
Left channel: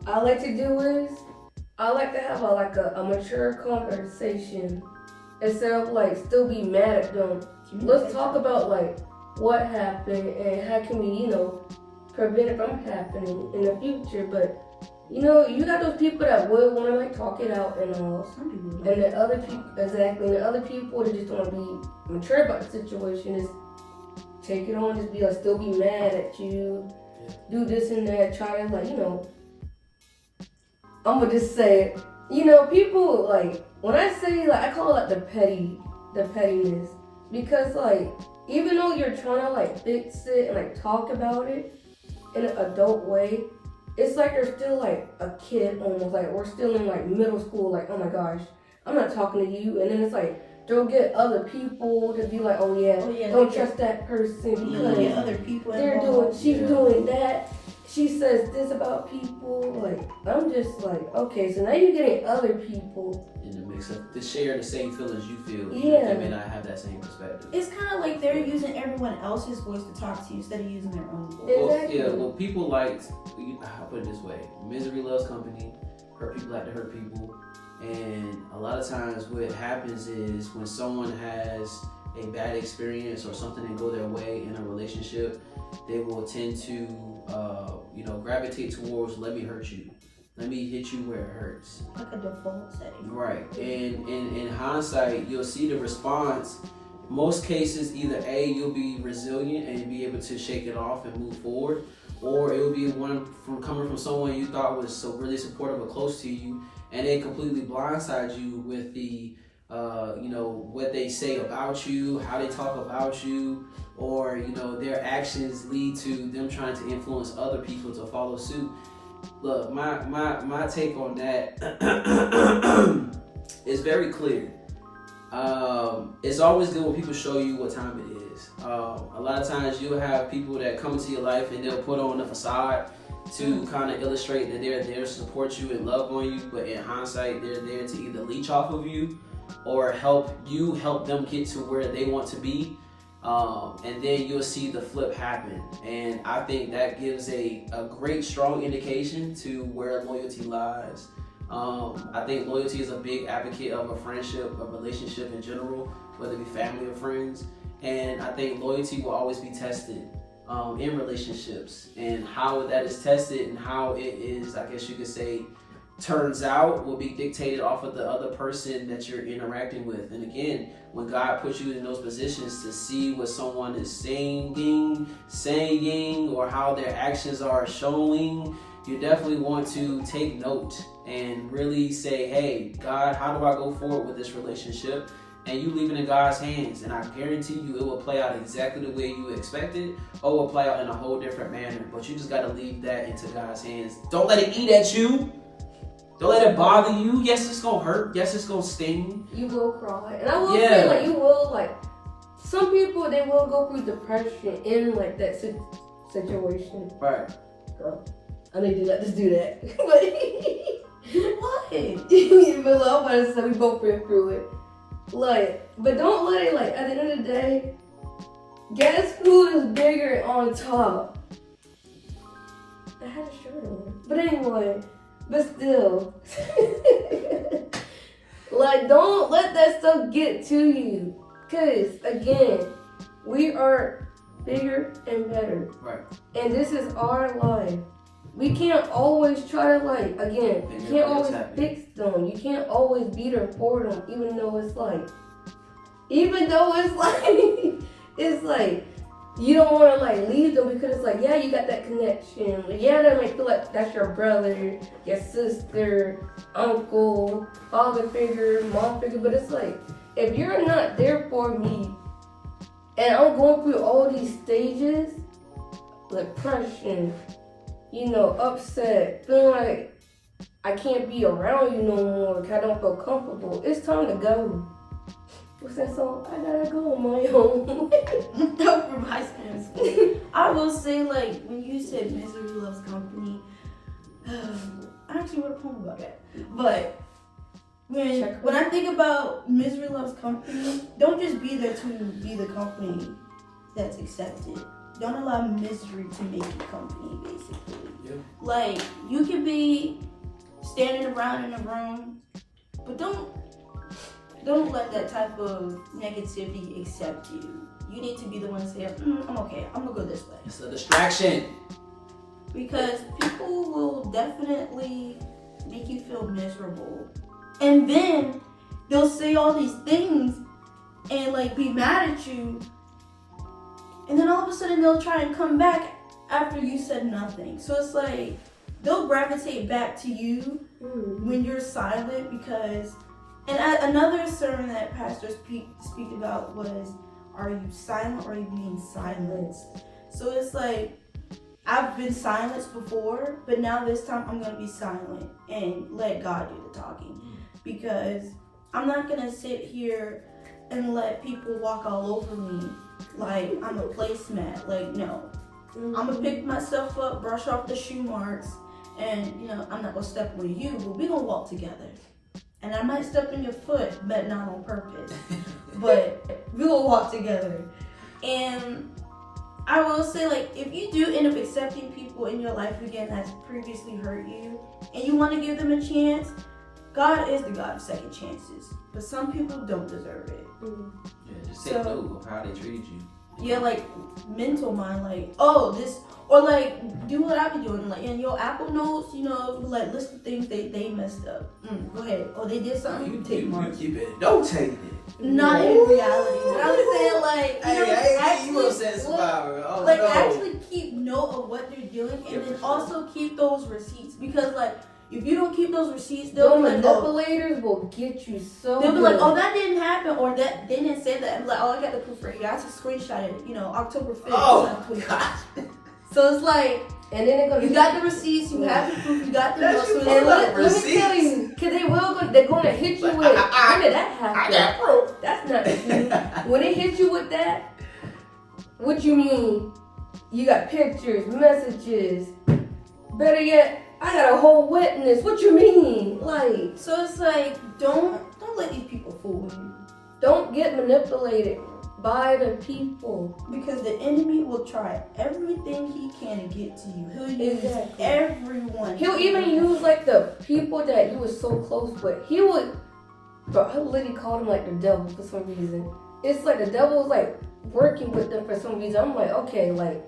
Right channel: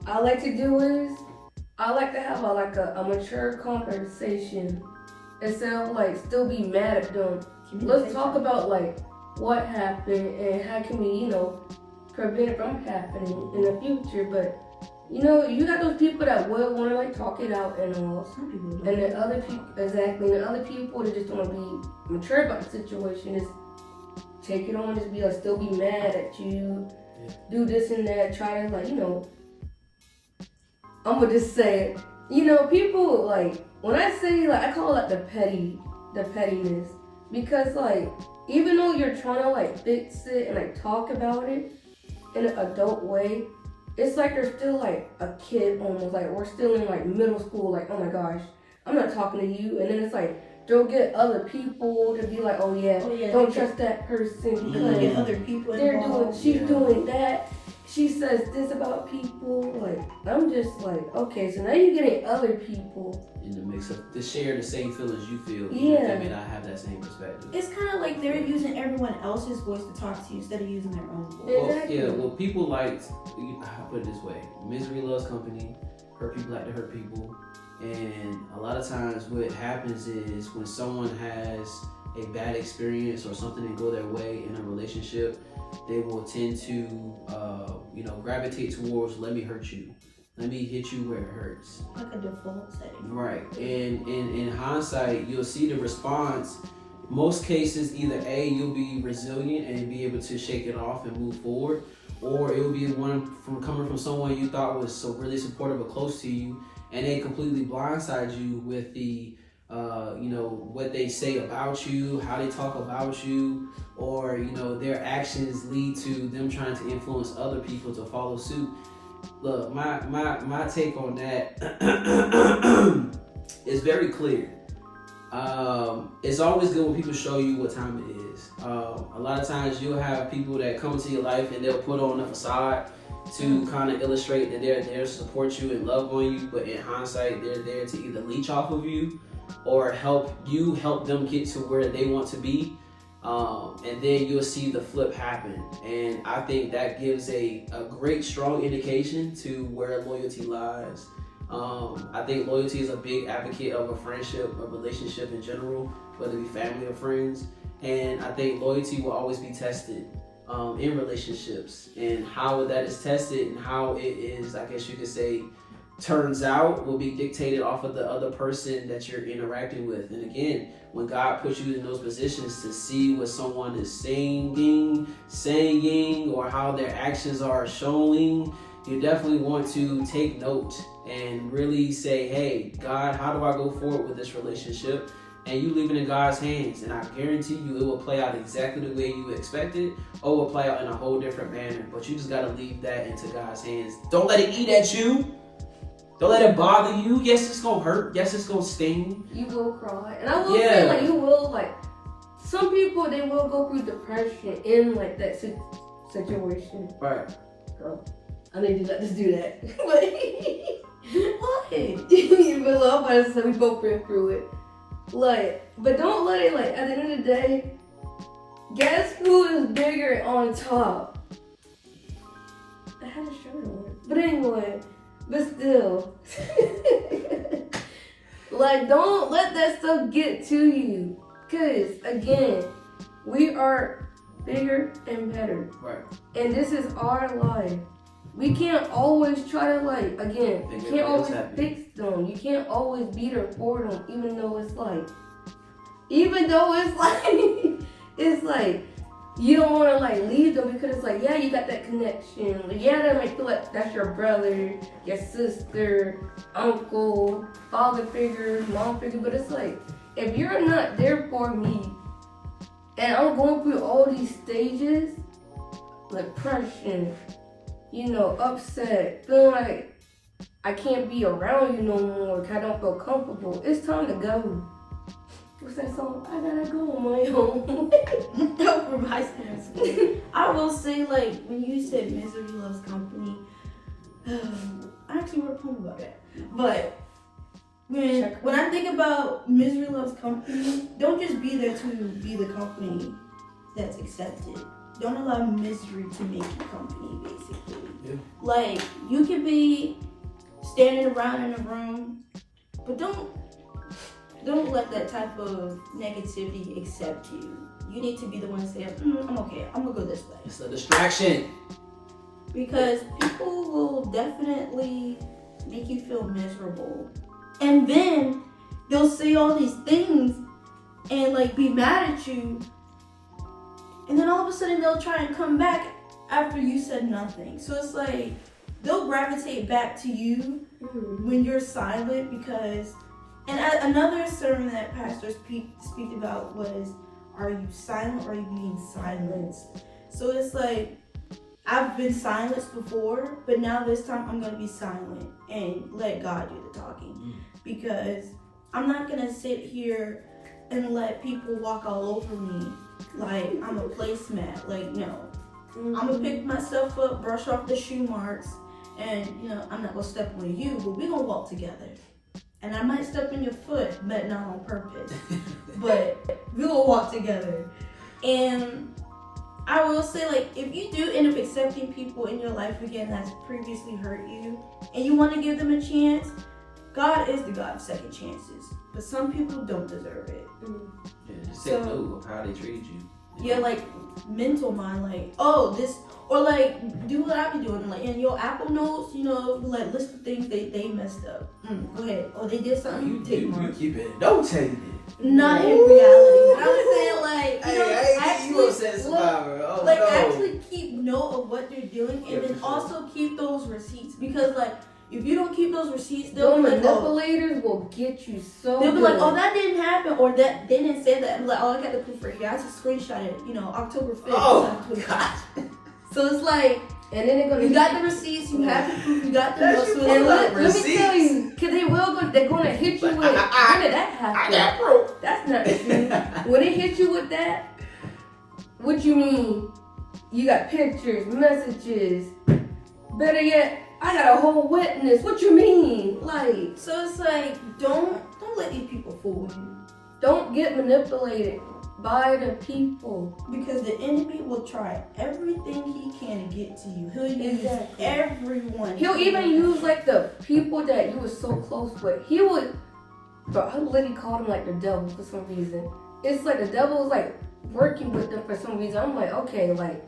I like to do is, I like to have a mature conversation instead of like still be mad at them. Let's talk about like what happened and how can we, you know, prevent it from happening in the future. But you know, you have those people that will want to like talk it out and all. Some people don't. And the other people, exactly, and the other people that just don't want to be mature about the situation is take it on, just be like, still be mad at you, do this and that, try to like, you know, I'm gonna just say it. You know, people like, when I say like, I call it like the pettiness, because like, even though you're trying to like fix it and like talk about it in an adult way, it's like they're still like a kid almost, like we're still in like middle school, like, oh my gosh, I'm not talking to you. And then it's like, they'll get other people to be like, oh yeah, don't trust that person. You look at other people involved. She's doing that. She says this about people. Like, I'm just like, okay, so now you're getting other people in the mix up to share the same feelings you feel. Yeah. They may not have that same perspective. It's kind of like they're using everyone else's voice to talk to you instead of using their own voice. Exactly. Well, people like, I'll put it this way, misery loves company, hurt people like to hurt people. And a lot of times what happens is when someone has a bad experience or something didn't go their way in a relationship, they will tend to, gravitate towards, let me hurt you. Let me hit you where it hurts. Like a default setting. Right. And in hindsight, you'll see the response. Most cases, either A, you'll be resilient and be able to shake it off and move forward, or it will be one coming from someone you thought was so really supportive or close to you, and they completely blindside you with the, what they say about you, how they talk about you, or, their actions lead to them trying to influence other people to follow suit. Look, my take on that is very clear. It's always good when people show you what time it is. A lot of times you'll have people that come into your life and they'll put on a facade to kind of illustrate that they're there to support you and love on you, but in hindsight, they're there to either leech off of you or help them get to where they want to be. And then you'll see the flip happen. And I think that gives a great, strong indication to where loyalty lies. I think loyalty is a big advocate of a friendship, a relationship in general, whether it be family or friends. And I think loyalty will always be tested in relationships. And how that is tested and how it is, I guess you could say, turns out will be dictated off of the other person that you're interacting with. And again, when God puts you in those positions to see what someone is saying, or how their actions are showing, you definitely want to take note and really say, hey, God, how do I go forward with this relationship? And you leave it in God's hands, and I guarantee you it will play out exactly the way you expected, or it will play out in a whole different manner. But you just got to leave that into God's hands. Don't let it eat at you. Don't let it bother you. Yes, it's going to hurt. Yes, it's going to sting. You will cry. And I will say, like, you will, like, some people, they will go through depression in, like, that situation. Right. I need to let this do that. But do what? But I'm about to say we both been through it. Like, but don't let it, like, at the end of the day, gas food is bigger on top. I had a shirt on. But anyway, but still. Like, don't let that stuff get to you. Because, again, we are bigger and better. Right. And this is our life. We can't always try to, like, again, you can't always fix them. You can't always be there for them, even though it's like, it's like, you don't want to, like, leave them because it's like, yeah, you got that connection. Yeah, they might feel like that's your brother, your sister, uncle, father figure, mom figure. But it's like, if you're not there for me, and I'm going through all these stages, depression, upset, feeling like I can't be around you no more because I don't feel comfortable, it's time to go. What's that song? I gotta go on my own. From high school to school. I will say, like, when you said misery loves company, I actually wrote a poem about that. But when I think about misery loves company, don't just be there to be the company that's accepted. Don't allow misery to make you company, basically. Yeah. Like, you can be standing around in a room, but don't let that type of negativity accept you. You need to be the one to say, I'm okay, I'm gonna go this way. It's a distraction. Because people will definitely make you feel miserable. And then they'll say all these things and, like, be mad at you. And then all of a sudden they'll try and come back after you said nothing. So it's like, they'll gravitate back to you when you're silent because... And another sermon that pastors speak about was, are you silent or are you being silenced? So it's like, I've been silenced before, but now this time I'm going to be silent and let God do the talking. Because I'm not going to sit here and let people walk all over me like I'm a placemat. Like, no. I'm going to pick myself up, brush off the shoe marks, and, I'm not going to step on you, but we're going to walk together. And I might step on your foot, but not on purpose. But we will walk together. And I will say, like, if you do end up accepting people in your life again that's previously hurt you, and you want to give them a chance, God is the God of second chances. But some people don't deserve it. Yeah, just take note of how they treated you. Yeah, like, mental mind, like, oh, this, or like, do what I be doing, like, in your Apple Notes, like, list the things they messed up. Go ahead. Oh, they did something, you take marks. You better don't take it. Not in reality, but I'm saying, like, actually keep note of what they're doing, and then also keep those receipts, because, like, if you don't keep those receipts, they'll be like, manipulators will get you so they'll be like, oh, that didn't happen, or that they didn't say that. I'm like, oh, I got the proof right here. I just screenshot it, October 5th. Oh, gosh. So it's like, and then they're gonna, you got the receipts, you have the proof, you got the notes. Let me tell you, because they're gonna hit you with, when did that happen? I got proof. That's not true. When they hit you with that, what you mean? You got pictures, messages, better yet, I got a whole witness. What you mean? Like, so it's like, don't let these people fool you. Don't get manipulated by the people. Because the enemy will try everything he can to get to you. He'll use everyone. He'll even use, like, the people that you were so close with. He would, bro, I literally called him, like, the devil for some reason. It's like the devil's, like, working with them for some reason. I'm like, okay, like,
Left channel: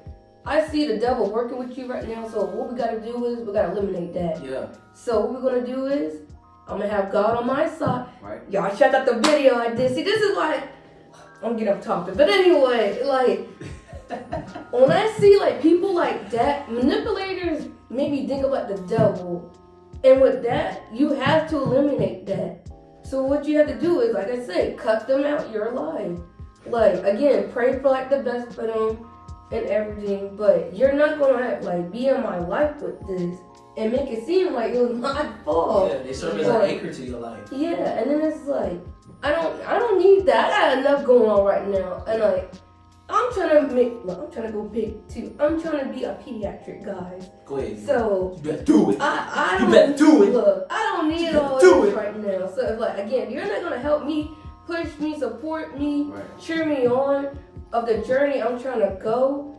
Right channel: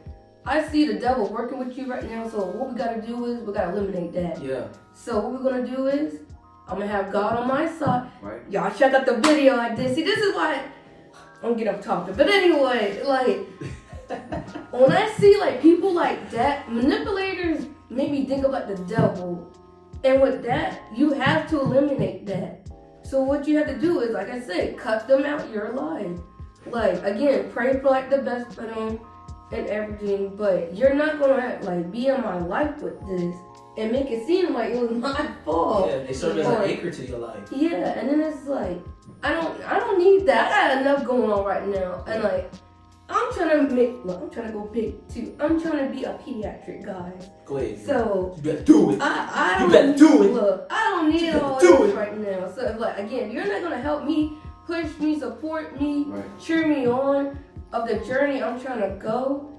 I see the devil working with you right now, so what we gotta do is we gotta eliminate that. Yeah. So what we're gonna do is I'm gonna have God on my side. Right. Y'all check out the video I did. See, this is why I'm gonna get off topic. But anyway, like, when I see, like, people like that, manipulators make me think about the devil. And with that, you have to eliminate that. So what you have to do is, like I said, cut them out your life. Like, again, pray for, like, the best for them and everything, but you're not gonna like be in my life with this and make it seem like it was my fault. Yeah, they serve as an anchor to your life. Yeah, and then it's like, I don't need that. I got enough going on right now, and like, I'm trying to go big too. I'm trying to be a pediatric guy. Go ahead. So you better do it. You better do it. Look, I don't need all this right now. So it's like, again, you're not gonna help me, push me, support me, cheer me on of the journey I'm trying to go.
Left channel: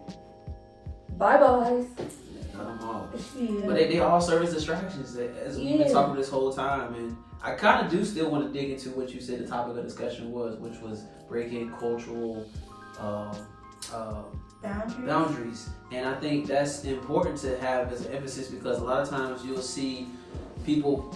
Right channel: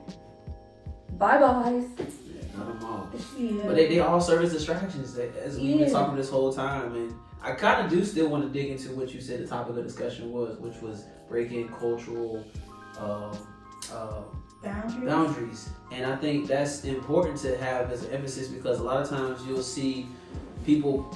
Bye-bye. cut them off. Yeah. But they all serve as distractions, as we've been talking this whole time. And I kind of do still want to dig into what you said the topic of discussion was, which was breaking cultural boundaries. And I think that's important to have as an emphasis, because a lot of times you'll see people,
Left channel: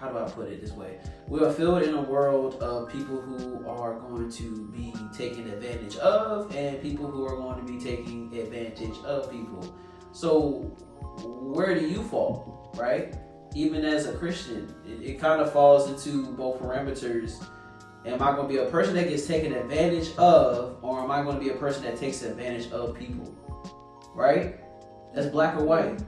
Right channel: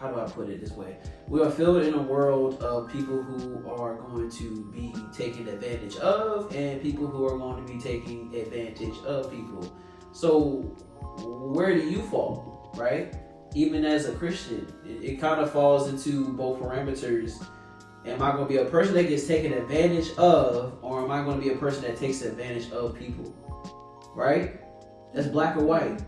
how do I put it this way? We are filled in a world of people who are going to be taken advantage of and people who are going to be taking advantage of people. So where do you fall, right? Even as a Christian, it kind of falls into both parameters. Am I going to be a person that gets taken advantage of, or am I going to be a person that takes advantage of people? Right? That's black or white.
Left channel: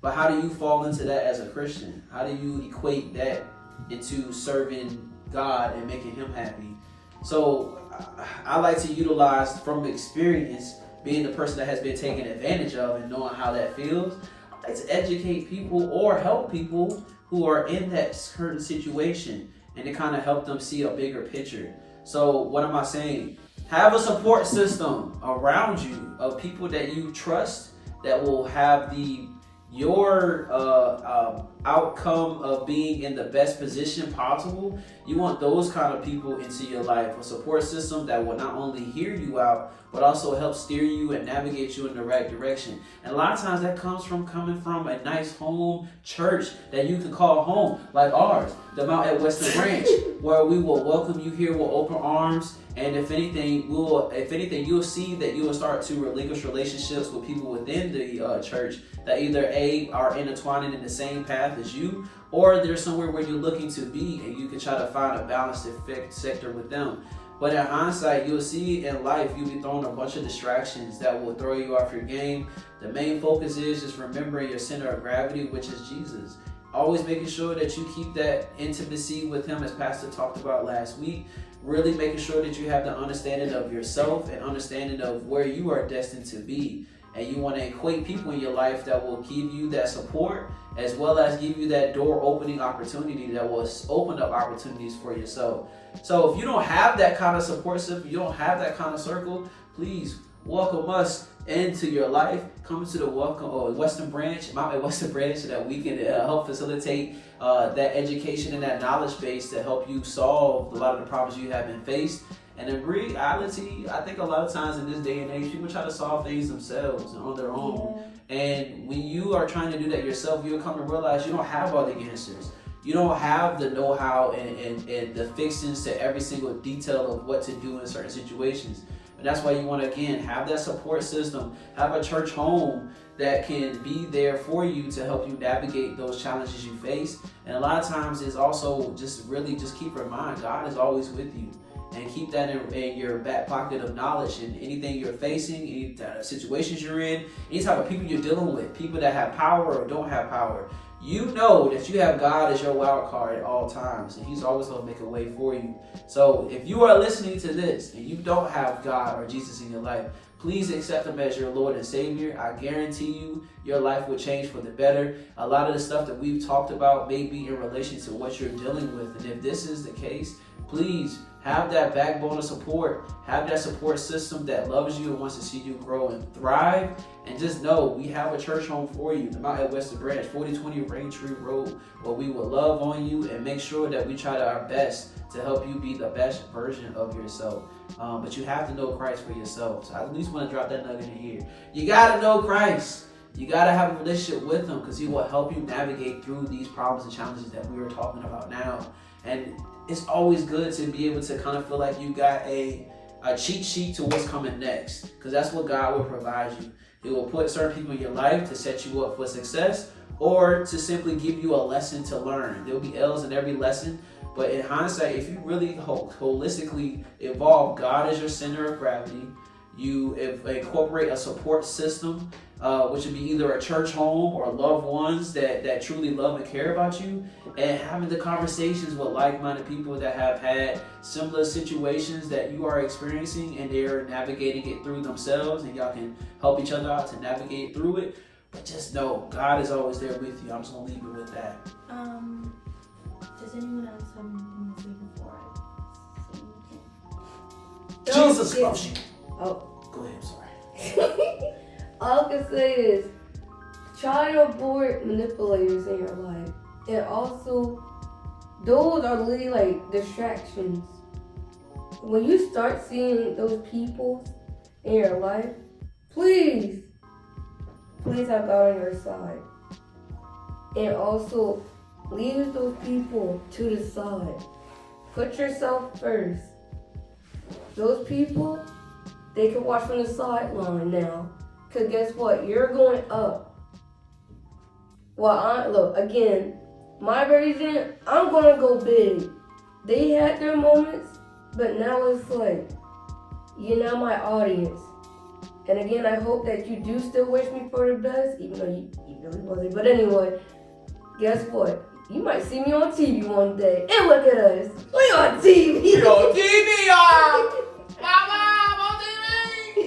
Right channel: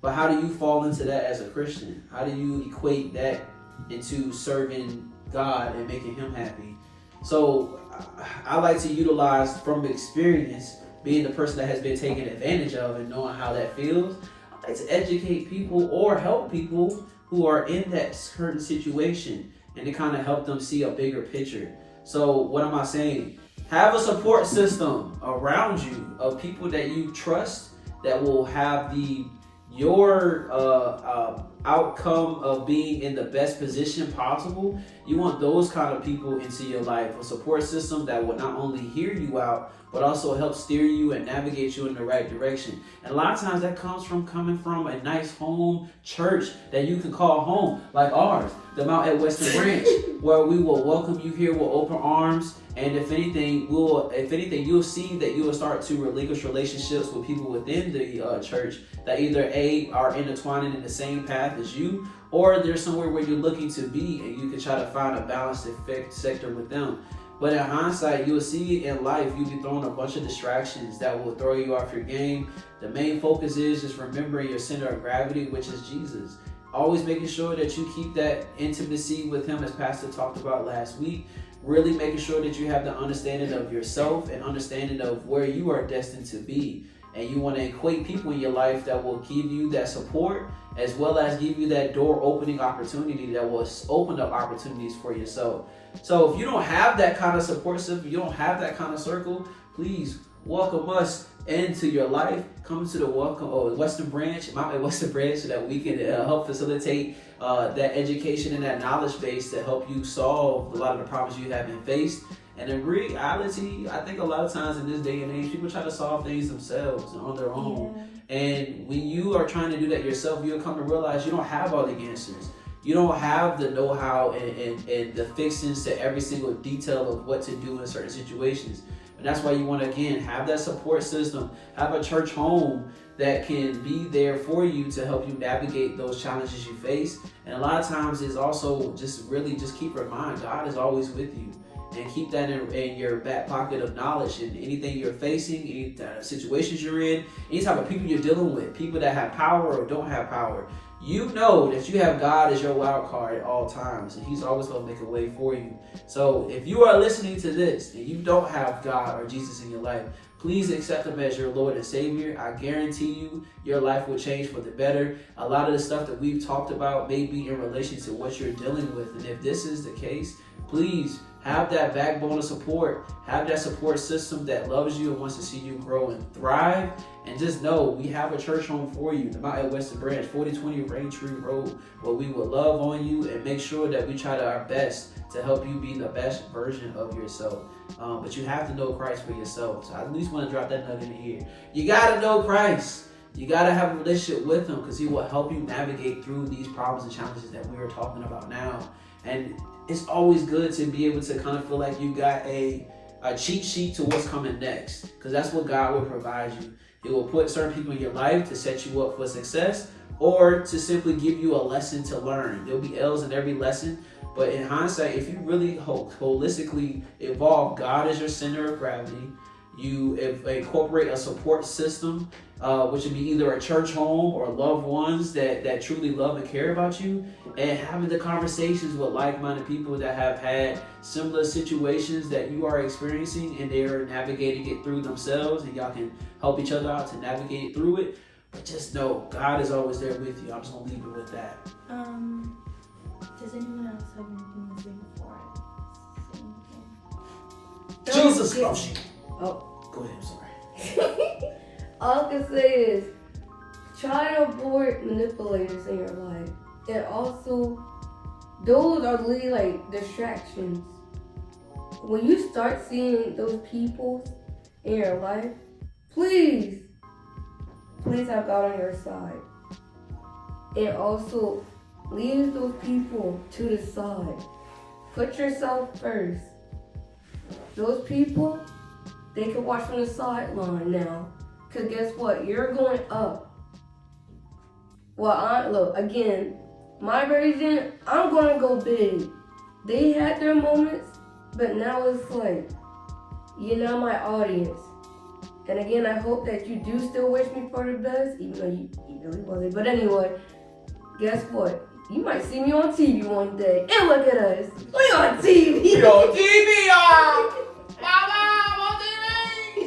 But how do you fall into that as a Christian? How do you equate that into serving God and making Him happy? So I like to utilize from experience, being the person that has been taken advantage of and knowing how that feels. I like to educate people or help people who are in that certain situation, and to kind of help them see a bigger picture. So what am I saying? Have a support system around you of people that you trust that will have your outcome of being in the best position possible. You want those kind of people into your life. A support system that will not only hear you out, but also help steer you and navigate you in the right direction. And a lot of times that comes from coming from a nice home church that you can call home, like ours, the Mount at Western Branch, where we will welcome you here with open arms. And if anything, you'll see that you will start to relinquish relationships with people within the church that either are intertwining in the same path as you, or there's somewhere where you're looking to be, and you can try to find a balanced sector with them. But in hindsight, you'll see in life, you'll be thrown a bunch of distractions that will throw you off your game. The main focus is just remembering your center of gravity, which is Jesus. Always making sure that you keep that intimacy with Him, as Pastor talked about last week. Really making sure that you have the understanding of yourself and understanding of where you are destined to be. And you want to equate people in your life that will give you that support, as well as give you that door opening opportunity that will open up opportunities for yourself. So if you don't have that kind of support system, you don't have that kind of circle, please welcome us into your life. Come to the Western Branch, Mount Western Branch, so that we can help facilitate that education and that knowledge base to help you solve a lot of the problems you have been faced. And in reality, I think a lot of times in this day and age, people try to solve things themselves and on their own. Yeah. And when you are trying to do that yourself, you'll come to realize you don't have all the answers. You don't have the know-how and the fixings to every single detail of what to do in certain situations. And that's why you want to, again, have that support system, have a church home that can be there for you to help you navigate those challenges you face. And a lot of times it's also just keep in mind, God is always with you. And keep that in your back pocket of knowledge, and anything you're facing, any situations you're in, any type of people you're dealing with, people that have power or don't have power. You know that you have God as your wild card at all times, and He's always going to make a way for you. So if you are listening to this and you don't have God or Jesus in your life, please accept Him as your Lord and Savior. I guarantee you, your life will change for the better. A lot of the stuff that we've talked about may be in relation to what you're dealing with. And if this is the case, please have that backbone of support. Have that support system that loves you and wants to see you grow and thrive. And just know we have a church home for you, the Mount at Western Branch, 4020 Raintree Road, where we will love on you and make sure that we try our best to help you be the best version of yourself. But you have to know Christ for yourself. So I at least want to drop that nugget in here. You got to know Christ. You got to have a relationship with Him, because He will help you navigate through these problems and challenges that we are talking about now. And it's always good to be able to kind of feel like you got a cheat sheet to what's coming next, because that's what God will provide you. He will put certain people in your life to set you up for success, or to simply give you a lesson to learn. There'll be L's in every lesson, but in hindsight, if you really holistically evolve God as your center of gravity, you incorporate a support system, which would be either a church home or loved ones that truly love and care about you, and having the conversations with like-minded people that have had similar situations that you are experiencing, and they're navigating it through themselves, and y'all can help each other out to navigate through it. But just know God is always there with you. I'm just gonna leave it with that. Does anyone else have anything to say before I say anything? Jesus loves you. Oh. Go ahead, I'm sorry. All I can say is, child-born manipulators in your life. And also, those are literally like distractions. When you start seeing those people in your life, please have God on your side. And also, leave those people to the side. Put yourself first. Those people, they can watch from the sideline now. Because guess what? You're going up. Well, look, again, my version, I'm going to go big. They had their moments, but now it's like, you're not my audience. And again, I hope that you do still wish me for the best, even though you know you wasn't. But anyway, guess what? You might see me on TV one day. And look at us. We on TV. We on TV, y'all. Wow, on TV.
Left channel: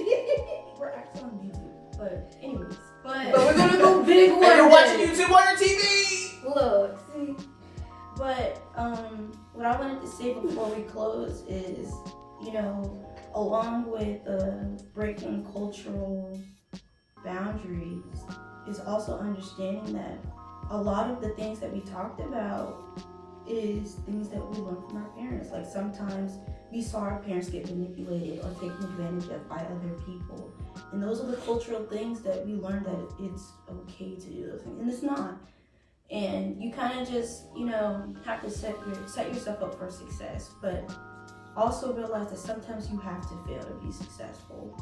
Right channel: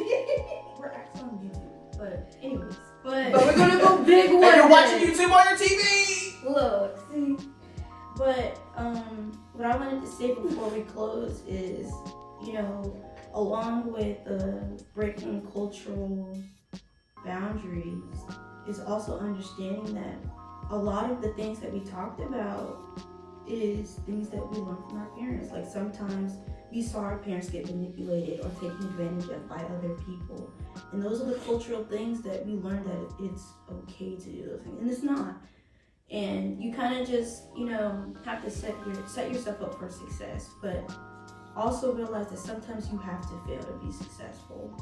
We're actually on YouTube. But anyways. But we're going to go big one And you're day. watching YouTube on your TV. Look, see. But what I wanted to say before we close is, along with breaking cultural boundaries is also understanding that a lot of the things that we talked about is things that we learned from our parents. Like sometimes we saw our parents get manipulated or taken advantage of by other people. And those are the cultural things that we learned that it's okay to do those things. And it's not. And you kind of just, have to set yourself up for success. But also realize that sometimes you have to fail to be successful.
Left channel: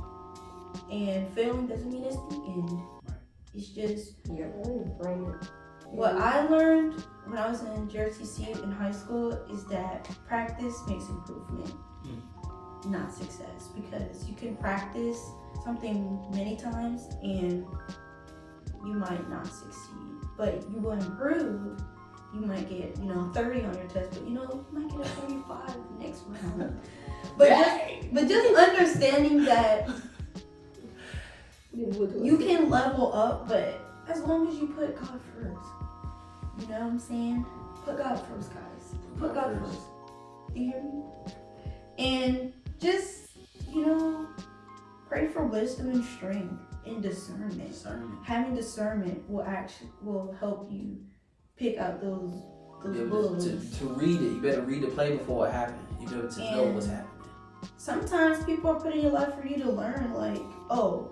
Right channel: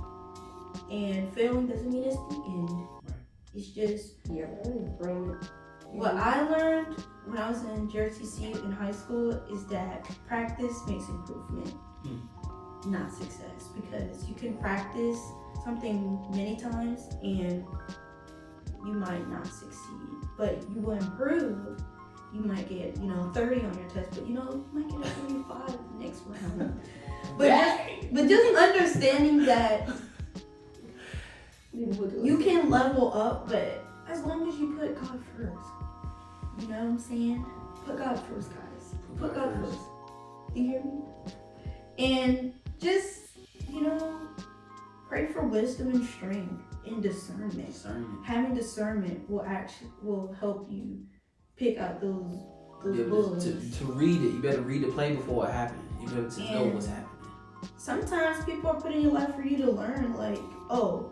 And failing doesn't mean it's the end. It's just what I learned when I was in JRTC in high school is that practice makes improvement, not success. Because you can practice something many times and you might not succeed, but you will improve. You might get, 30 on your test, but you might get a 35 the next round. But just understanding that you can level up, but as long as you put God first. You know what I'm saying? Put God first, guys. Put God first. Do you hear me? And just, pray for wisdom and strength and discernment. Having discernment will help you pick out those wolves. To read it, you better read the play before it happens. You better to know what's happening. Sometimes people are put in your life for you to learn, like, oh,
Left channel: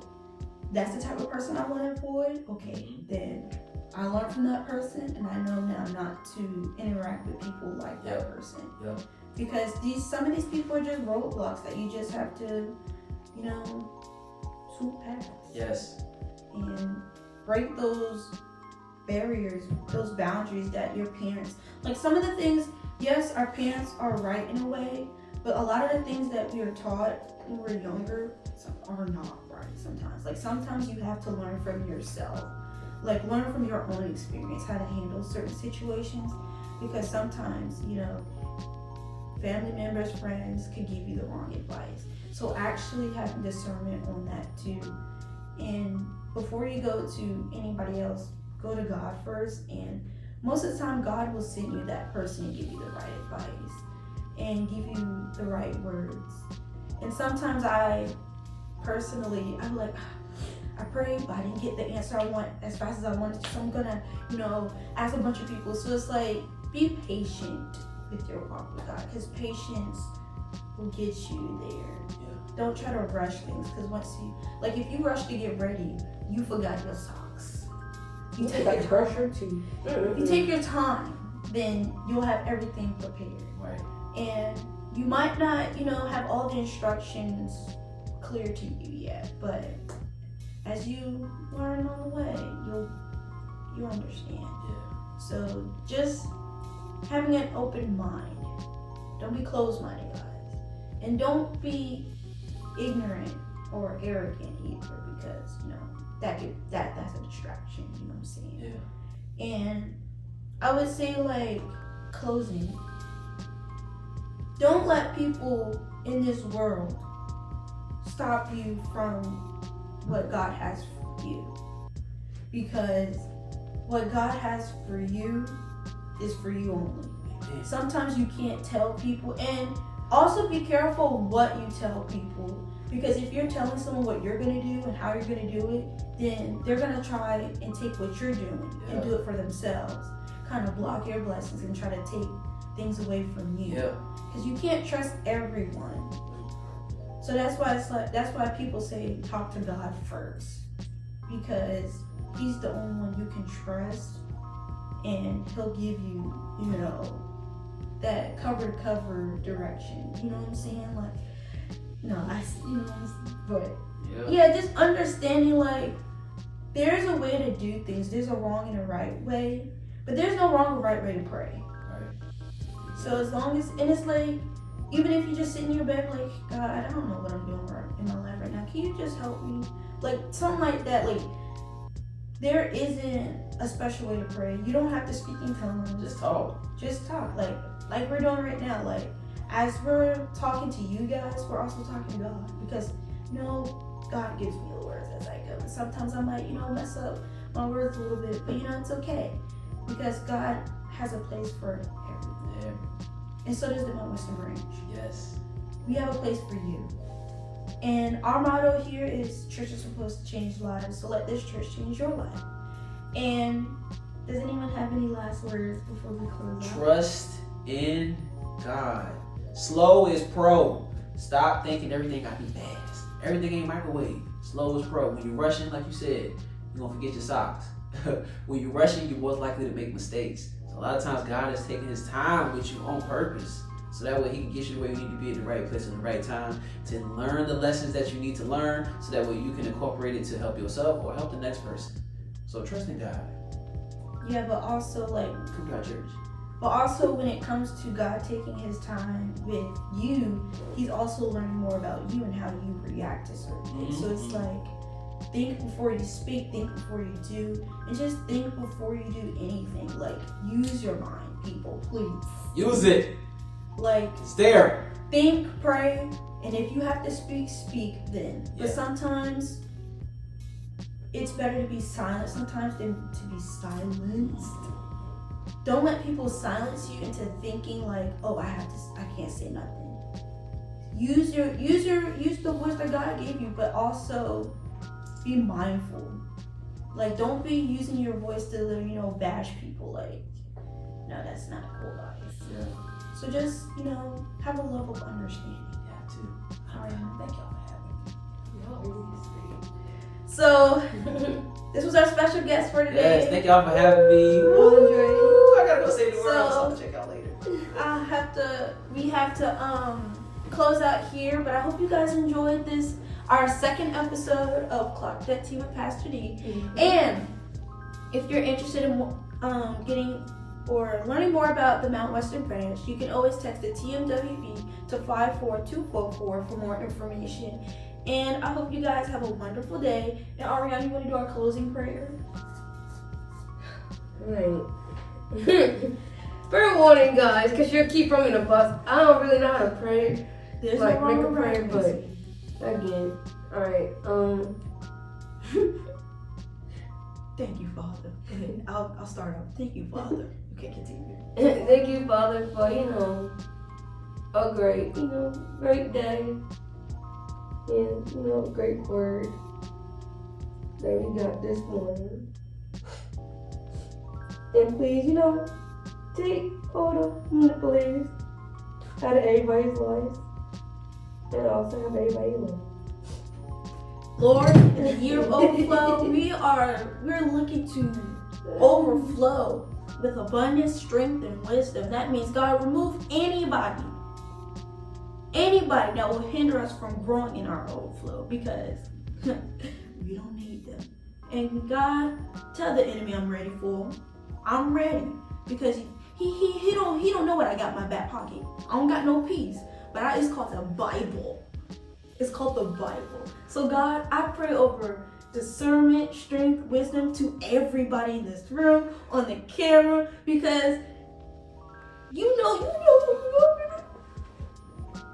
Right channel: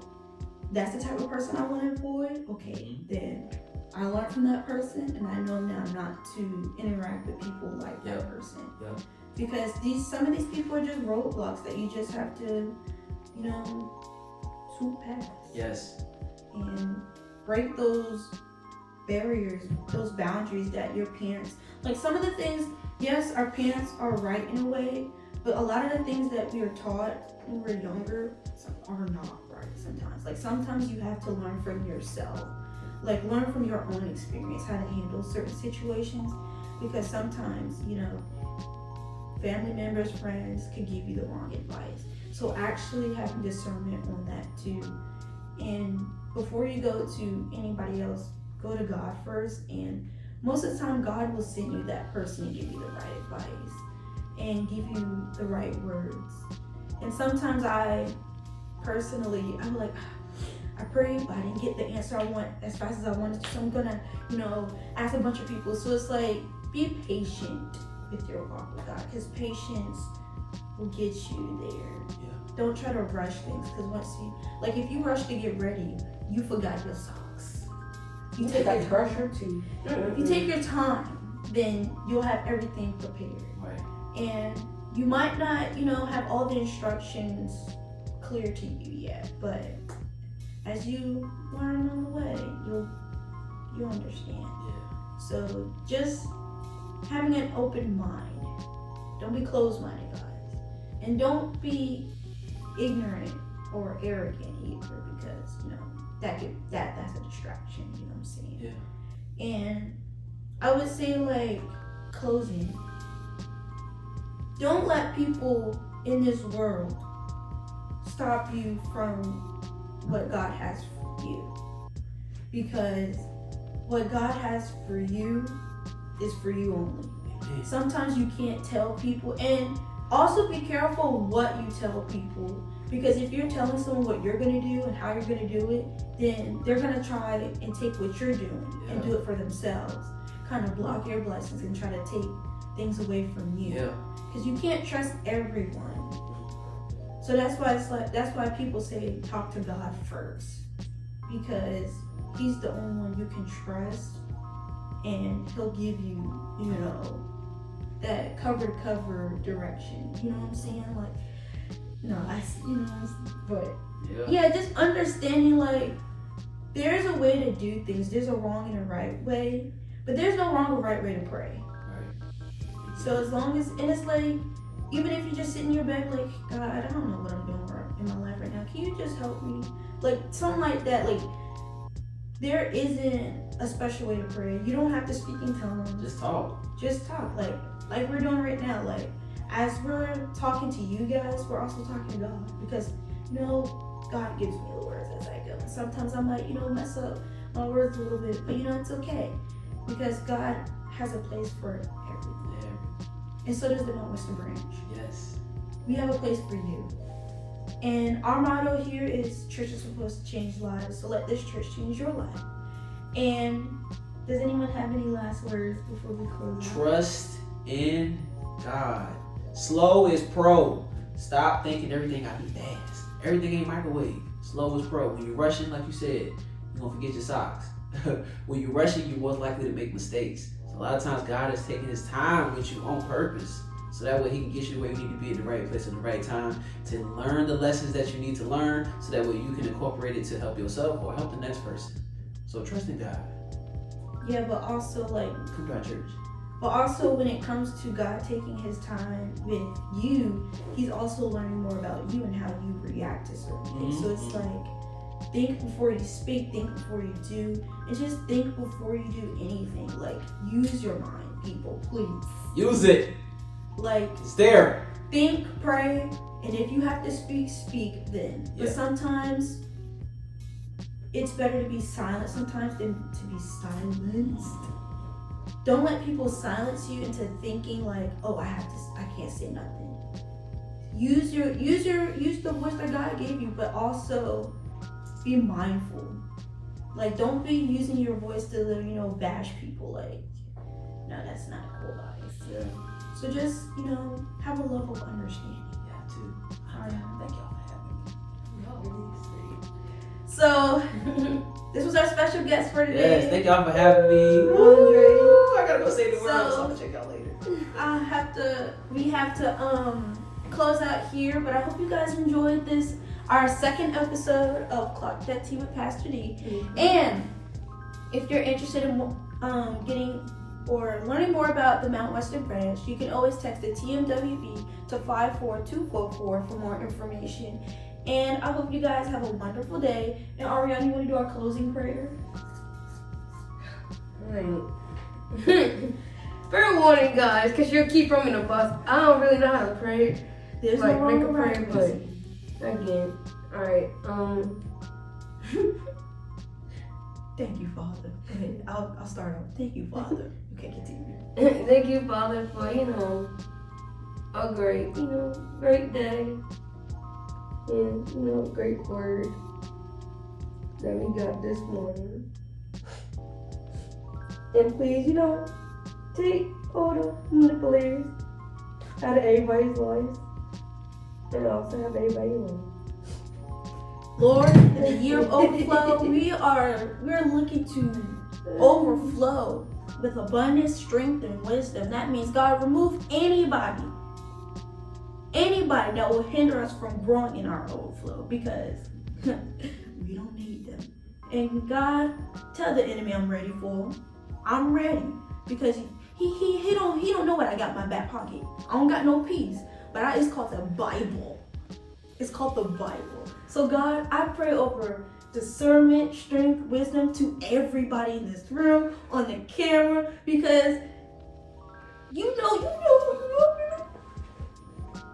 that's the type of person I want to avoid. Okay, then I learned from that person, and I know now not to interact with people like that person. Yep. Because some of these people are just roadblocks that you just have to, swoop past. Yes. And break those barriers, those boundaries that your parents, like some of the things, yes, our parents are right in a way, but a lot of the things that we were taught when we were younger are not right sometimes. Like sometimes you have to learn from yourself. Like learn from your own experience how to handle certain situations, because sometimes, family members, friends could give you the wrong advice. So actually having discernment on that too. And before you go to anybody else, go to God first. And most of the time God will send you that person and give you the right advice and give you the right words. And sometimes I'm like, I prayed, but I didn't get the answer I want as fast as I wanted to. So I'm gonna, ask a bunch of people. So it's like, be patient with your walk with God, because patience will get you there. Yeah. Don't try to rush things, because if you rush to get ready, you forgot your socks. You take your brush your teeth. If you take your time, then you'll have everything prepared. Right. And you might not, have all the instructions clear to you yet, but as you learn on the way, you'll understand. Yeah. So just having an open mind. Don't be closed-minded, guys. And don't be ignorant or arrogant either, because that's a distraction, you know what I'm saying? Yeah. And I would say, closing, don't let people in this world stop you from what God has for you, because what God has for you is for you only. Sometimes you can't tell people, and also be careful what you tell people, Because if you're telling someone what you're going to do and how you're going to do it, then they're going to try and take what you're doing and do it for themselves. Kind of block your blessings and try to take things away from you. Because you can't trust everyone. So that's why people say talk to God first. Because he's the only one you can trust, and he'll give you, that cover to cover direction. You know what I'm saying? Like, but just understanding, like, there's a way to do things. There's a wrong and a right way, but there's no wrong or right way to pray. Right. So as long as, and it's like, even if you just sit in your bed, like, God, I don't know what I'm doing in my life right now. Can you just help me? Like, something like that. Like, there isn't a special way to pray. You don't have to speak in tongues. Just talk. Like we're doing right now. Like, as we're talking to you guys, we're also talking to God. Because, God gives me the words as I go. And sometimes I might, mess up my words a little bit. But, it's okay. Because God has a place for everything. Yeah. And so does the Mount Western Branch. Yes. We have a place for you. And our motto here is church is supposed to change lives, so let this church change your life. And does anyone have any last words before we close out? Trust in God. Slow is pro. Stop thinking everything got to be fast. Everything ain't microwave. Slow is pro. When you're rushing, like you said, you're going to forget your socks. When you're rushing, you're most likely to make mistakes. So a lot of times God is taking his time with you on purpose. So that way he can get you to where you need to be at the right place at the right time to learn the lessons that you need to learn, so that way you can incorporate it to help yourself or help the next person. So trust in God. Yeah, but also come to our church. But also when it comes to God taking his time with you, he's also learning more about you and how you react to certain things. So it's like, think before you speak, think before you do, and just think before you do anything. Like, use your mind, people, please. Use it. Like, it's there. Think, pray, and if you have to speak then. But sometimes it's better to be silent sometimes than to be silenced. Don't let people silence you into thinking like, I can't say nothing. Use the voice that God gave you, but also be mindful. Like, don't be using your voice to bash people. Like, no, that's not cool, guys. Yeah. So just, have a level of understanding. Yeah, too. Thank y'all for having me. So, this was our special guest for today. Yes, thank y'all for having me. Andre. I gotta go say the words, so I'm gonna check y'all later. We have to close out here, but I hope you guys enjoyed this, our second episode of Clock That Tea with Pastor D. Mm-hmm. And if you're interested in getting or learning more about the Mount Western Branch, you can always text the TMWB to 54244 for more information. And I hope you guys have a wonderful day. And Ariana, you want to do our closing prayer? Alright. Fair warning, guys, because you'll keep throwing the bus. I don't really know how to pray. There's no wrong or right, but again. Alright, Thank you, Father. Okay, I'll start out. Thank you, Father. Okay, continue. Thank you, Father, for, a great day. And, great word that we got this morning. And please, take photo manipulators out of everybody's lives. And also have everybody live. Lord, in the year of overflow, we're looking to overflow with abundance, strength, and wisdom. That means, God, remove anybody that will hinder us from growing in our overflow, because we don't need them. And God, tell the enemy I'm ready for him. I'm ready, because he don't know what I got in my back pocket. I don't got no peace, but it's called the Bible. It's called the Bible. So God, I pray over discernment, strength, wisdom to everybody in this room, on the camera, because you know.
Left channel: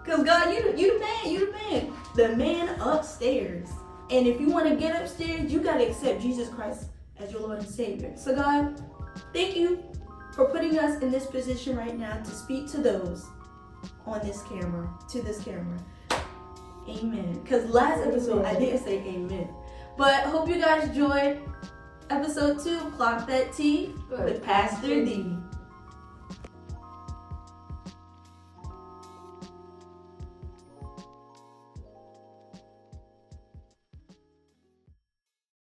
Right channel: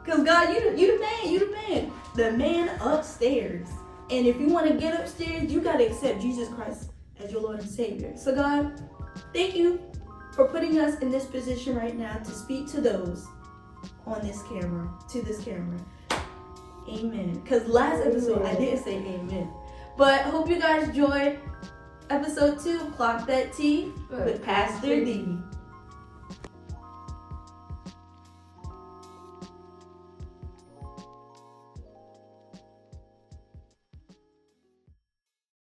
Because God, you the man. The man upstairs. And if you want to get upstairs, you got to accept Jesus Christ as your Lord and Savior. So God, thank you for putting us in this position right now to speak to those on this camera, to this camera. Amen. Because last episode I didn't say amen. But hope you guys enjoyed episode 2 of Clock That Tea with Pastor D.